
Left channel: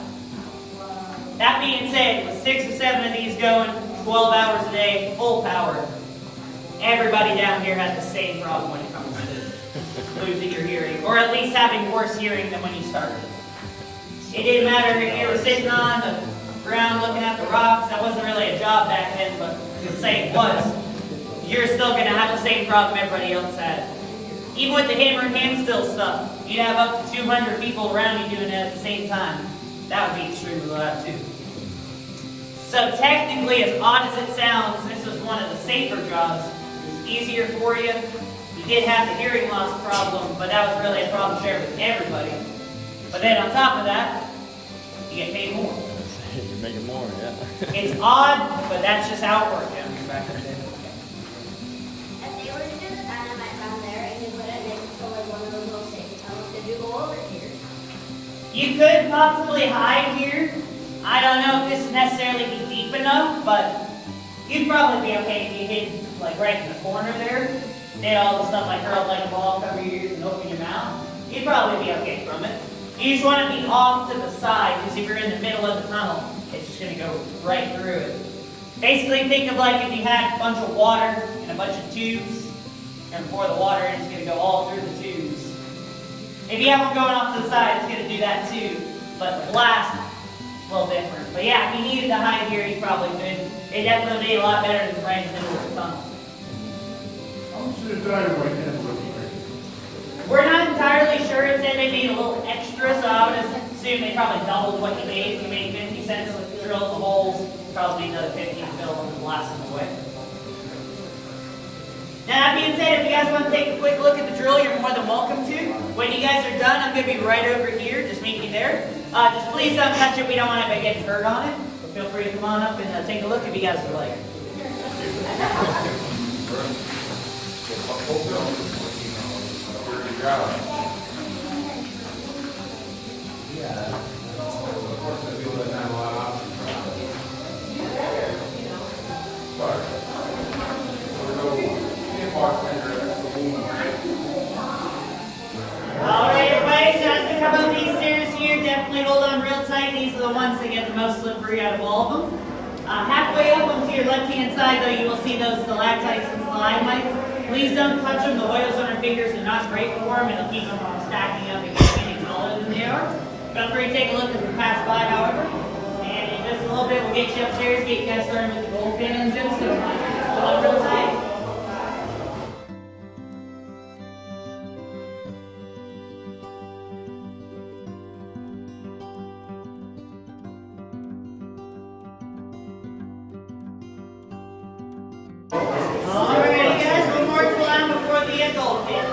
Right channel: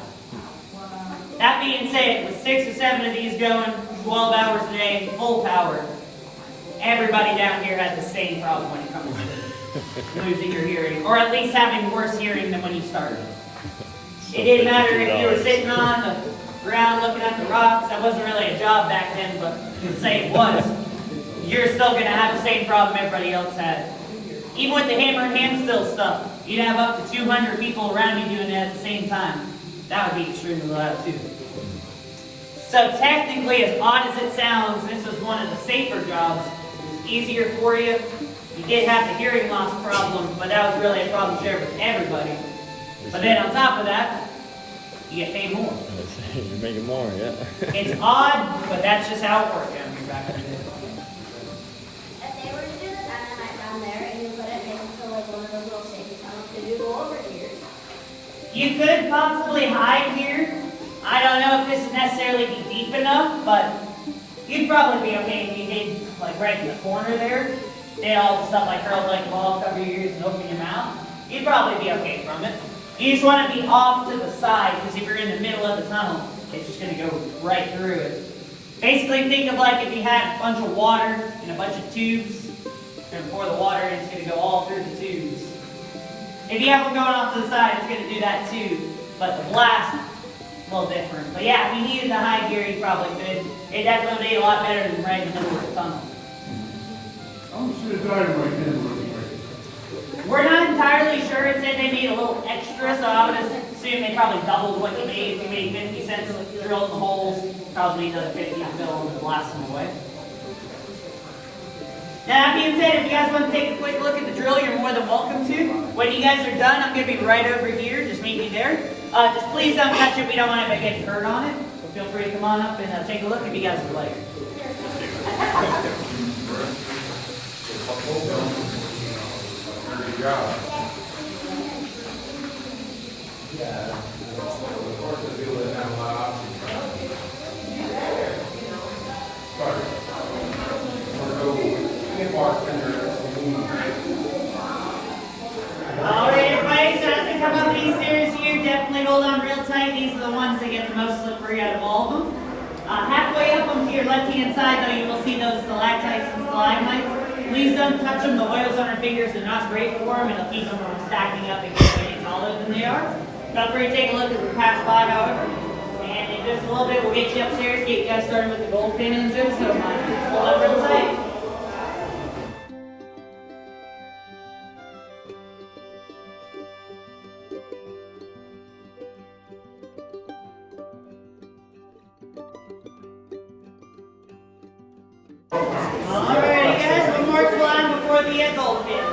That being said, with 6 or 7 of these going, 12 12 hours a day, full power. Everybody down here had the same problem when it comes to losing your hearing, or at least having worse hearing than when you started. It didn't matter if you were sitting on the ground looking at the rocks. That wasn't really a job back then, but to say it was, you're still going to have the same problem everybody else had. Even with the hammer and hand still stuff, you'd have up to 200 people around you doing it at the same time. That would be extremely loud too. So technically, as odd as it sounds, this was one of the safer jobs. It was easier for you. You did have the hearing loss problem, but that was really a problem shared with everybody. But then on top of that, you get paid more. You're making more, yeah. It's odd, but that's just how it worked down here back then. If they were to do the dynamite down there and you put it next to like one of those little safety tunnels, could you go over here? You could possibly hide here. I don't know if this would necessarily be deep enough, but you'd probably be okay if you hid like right in the corner there. Did all the stuff like curls like the ball, cover your ears and open your mouth. You'd probably be okay from it. You just want to be off to the side, because if you're in the middle of the tunnel, it's just going to go right through it. Basically, think of like if you had a bunch of water and a bunch of tubes, and pour the water in, it's going to go all through the tubes. If you have them going off to the side, it's going to do that too. But the blast, a little different. But yeah, if you needed to hide here, you probably could. It definitely made a lot better than right in the middle of the tunnel. How much did the dynamite end with? We're not entirely sure. It said maybe a little extra, so I would assume they probably doubled what you made. If you made 50 cents drilling the holes, probably another 50 to fill them and blast them away. Now, that being said, if you guys want to take a quick look at the drill, you're more than welcome to. When you guys are done, I'm going to be right over here. Just meet me there. Just please don't touch it. We don't want anybody getting hurt on it. But feel free to come on up and take a look if you guys would like. Alright everybody, so as we come up these stairs here, definitely hold on real tight. These are the ones that get the most slippery out of all of them. Halfway up onto your left hand side though, you will see those stalactites and stalagmites. Please don't touch them. The oils on your fingers are not great for them. It'll keep them from stacking up and getting taller than they are. Feel free to take a look as we pass by, however. And in just a little bit, we'll get you upstairs, get you guys started with the gold pin too. So hold on real tight. Alrighty guys, one more climb before the gold pin.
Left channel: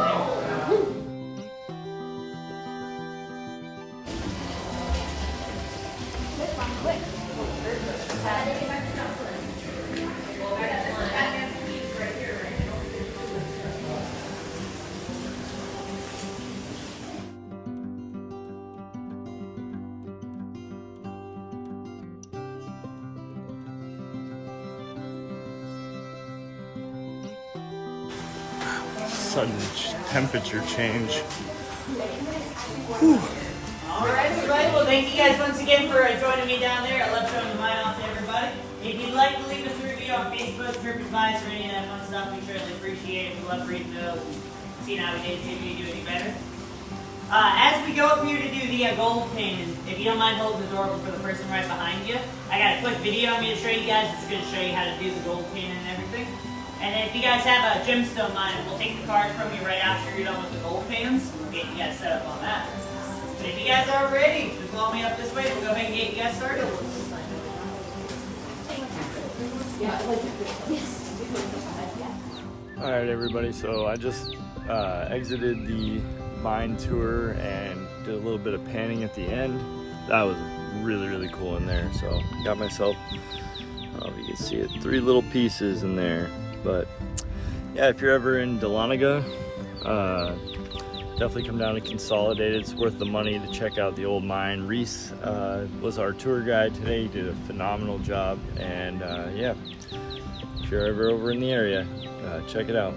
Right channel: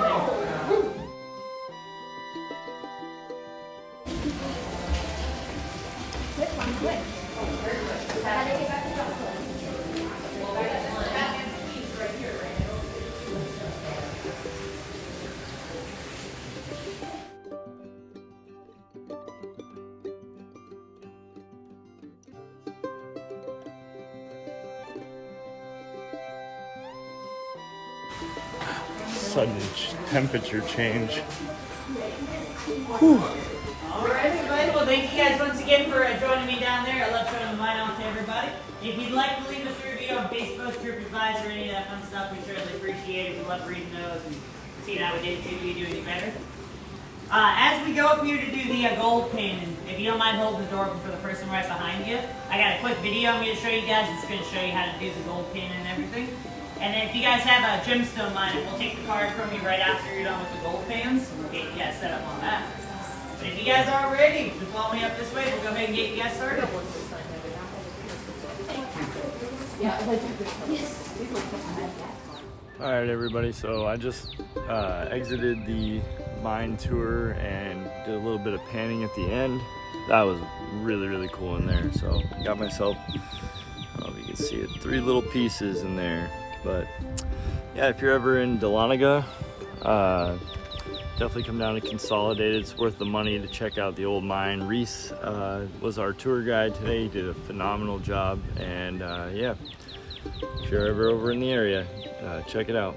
Sudden temperature change. Alright everybody, well thank you guys once again for joining me down there. I love showing the mine off to everybody. If you'd like to leave us a review on Facebook, TripAdvisor, any of that fun stuff, we really appreciate it. We love reading those and seeing how we did, see if we can do any better. As we go up here to do the gold pin, if you don't mind holding the door open for the person right behind you, I got a quick video I'm going to show you guys. It's going to show you how to do the gold pin and everything. And then if you guys have a gemstone mine, we'll take the card from you right after you're done with the gold pins, and we'll get you guys set up on that. But if you guys are ready, just follow me up this way, we'll go ahead and get you guys started. Alright everybody, so I just exited the mine tour and did a little bit of panning at the end. That was really cool in there. So got myself, I don't know if you can see it, 3 little pieces in there. But yeah, if you're ever in Dahlonega, definitely come down to Consolidated. It's worth the money to check out the old mine. Reese was our tour guide today. He did a phenomenal job. And yeah, if you're ever over in the area, check it out.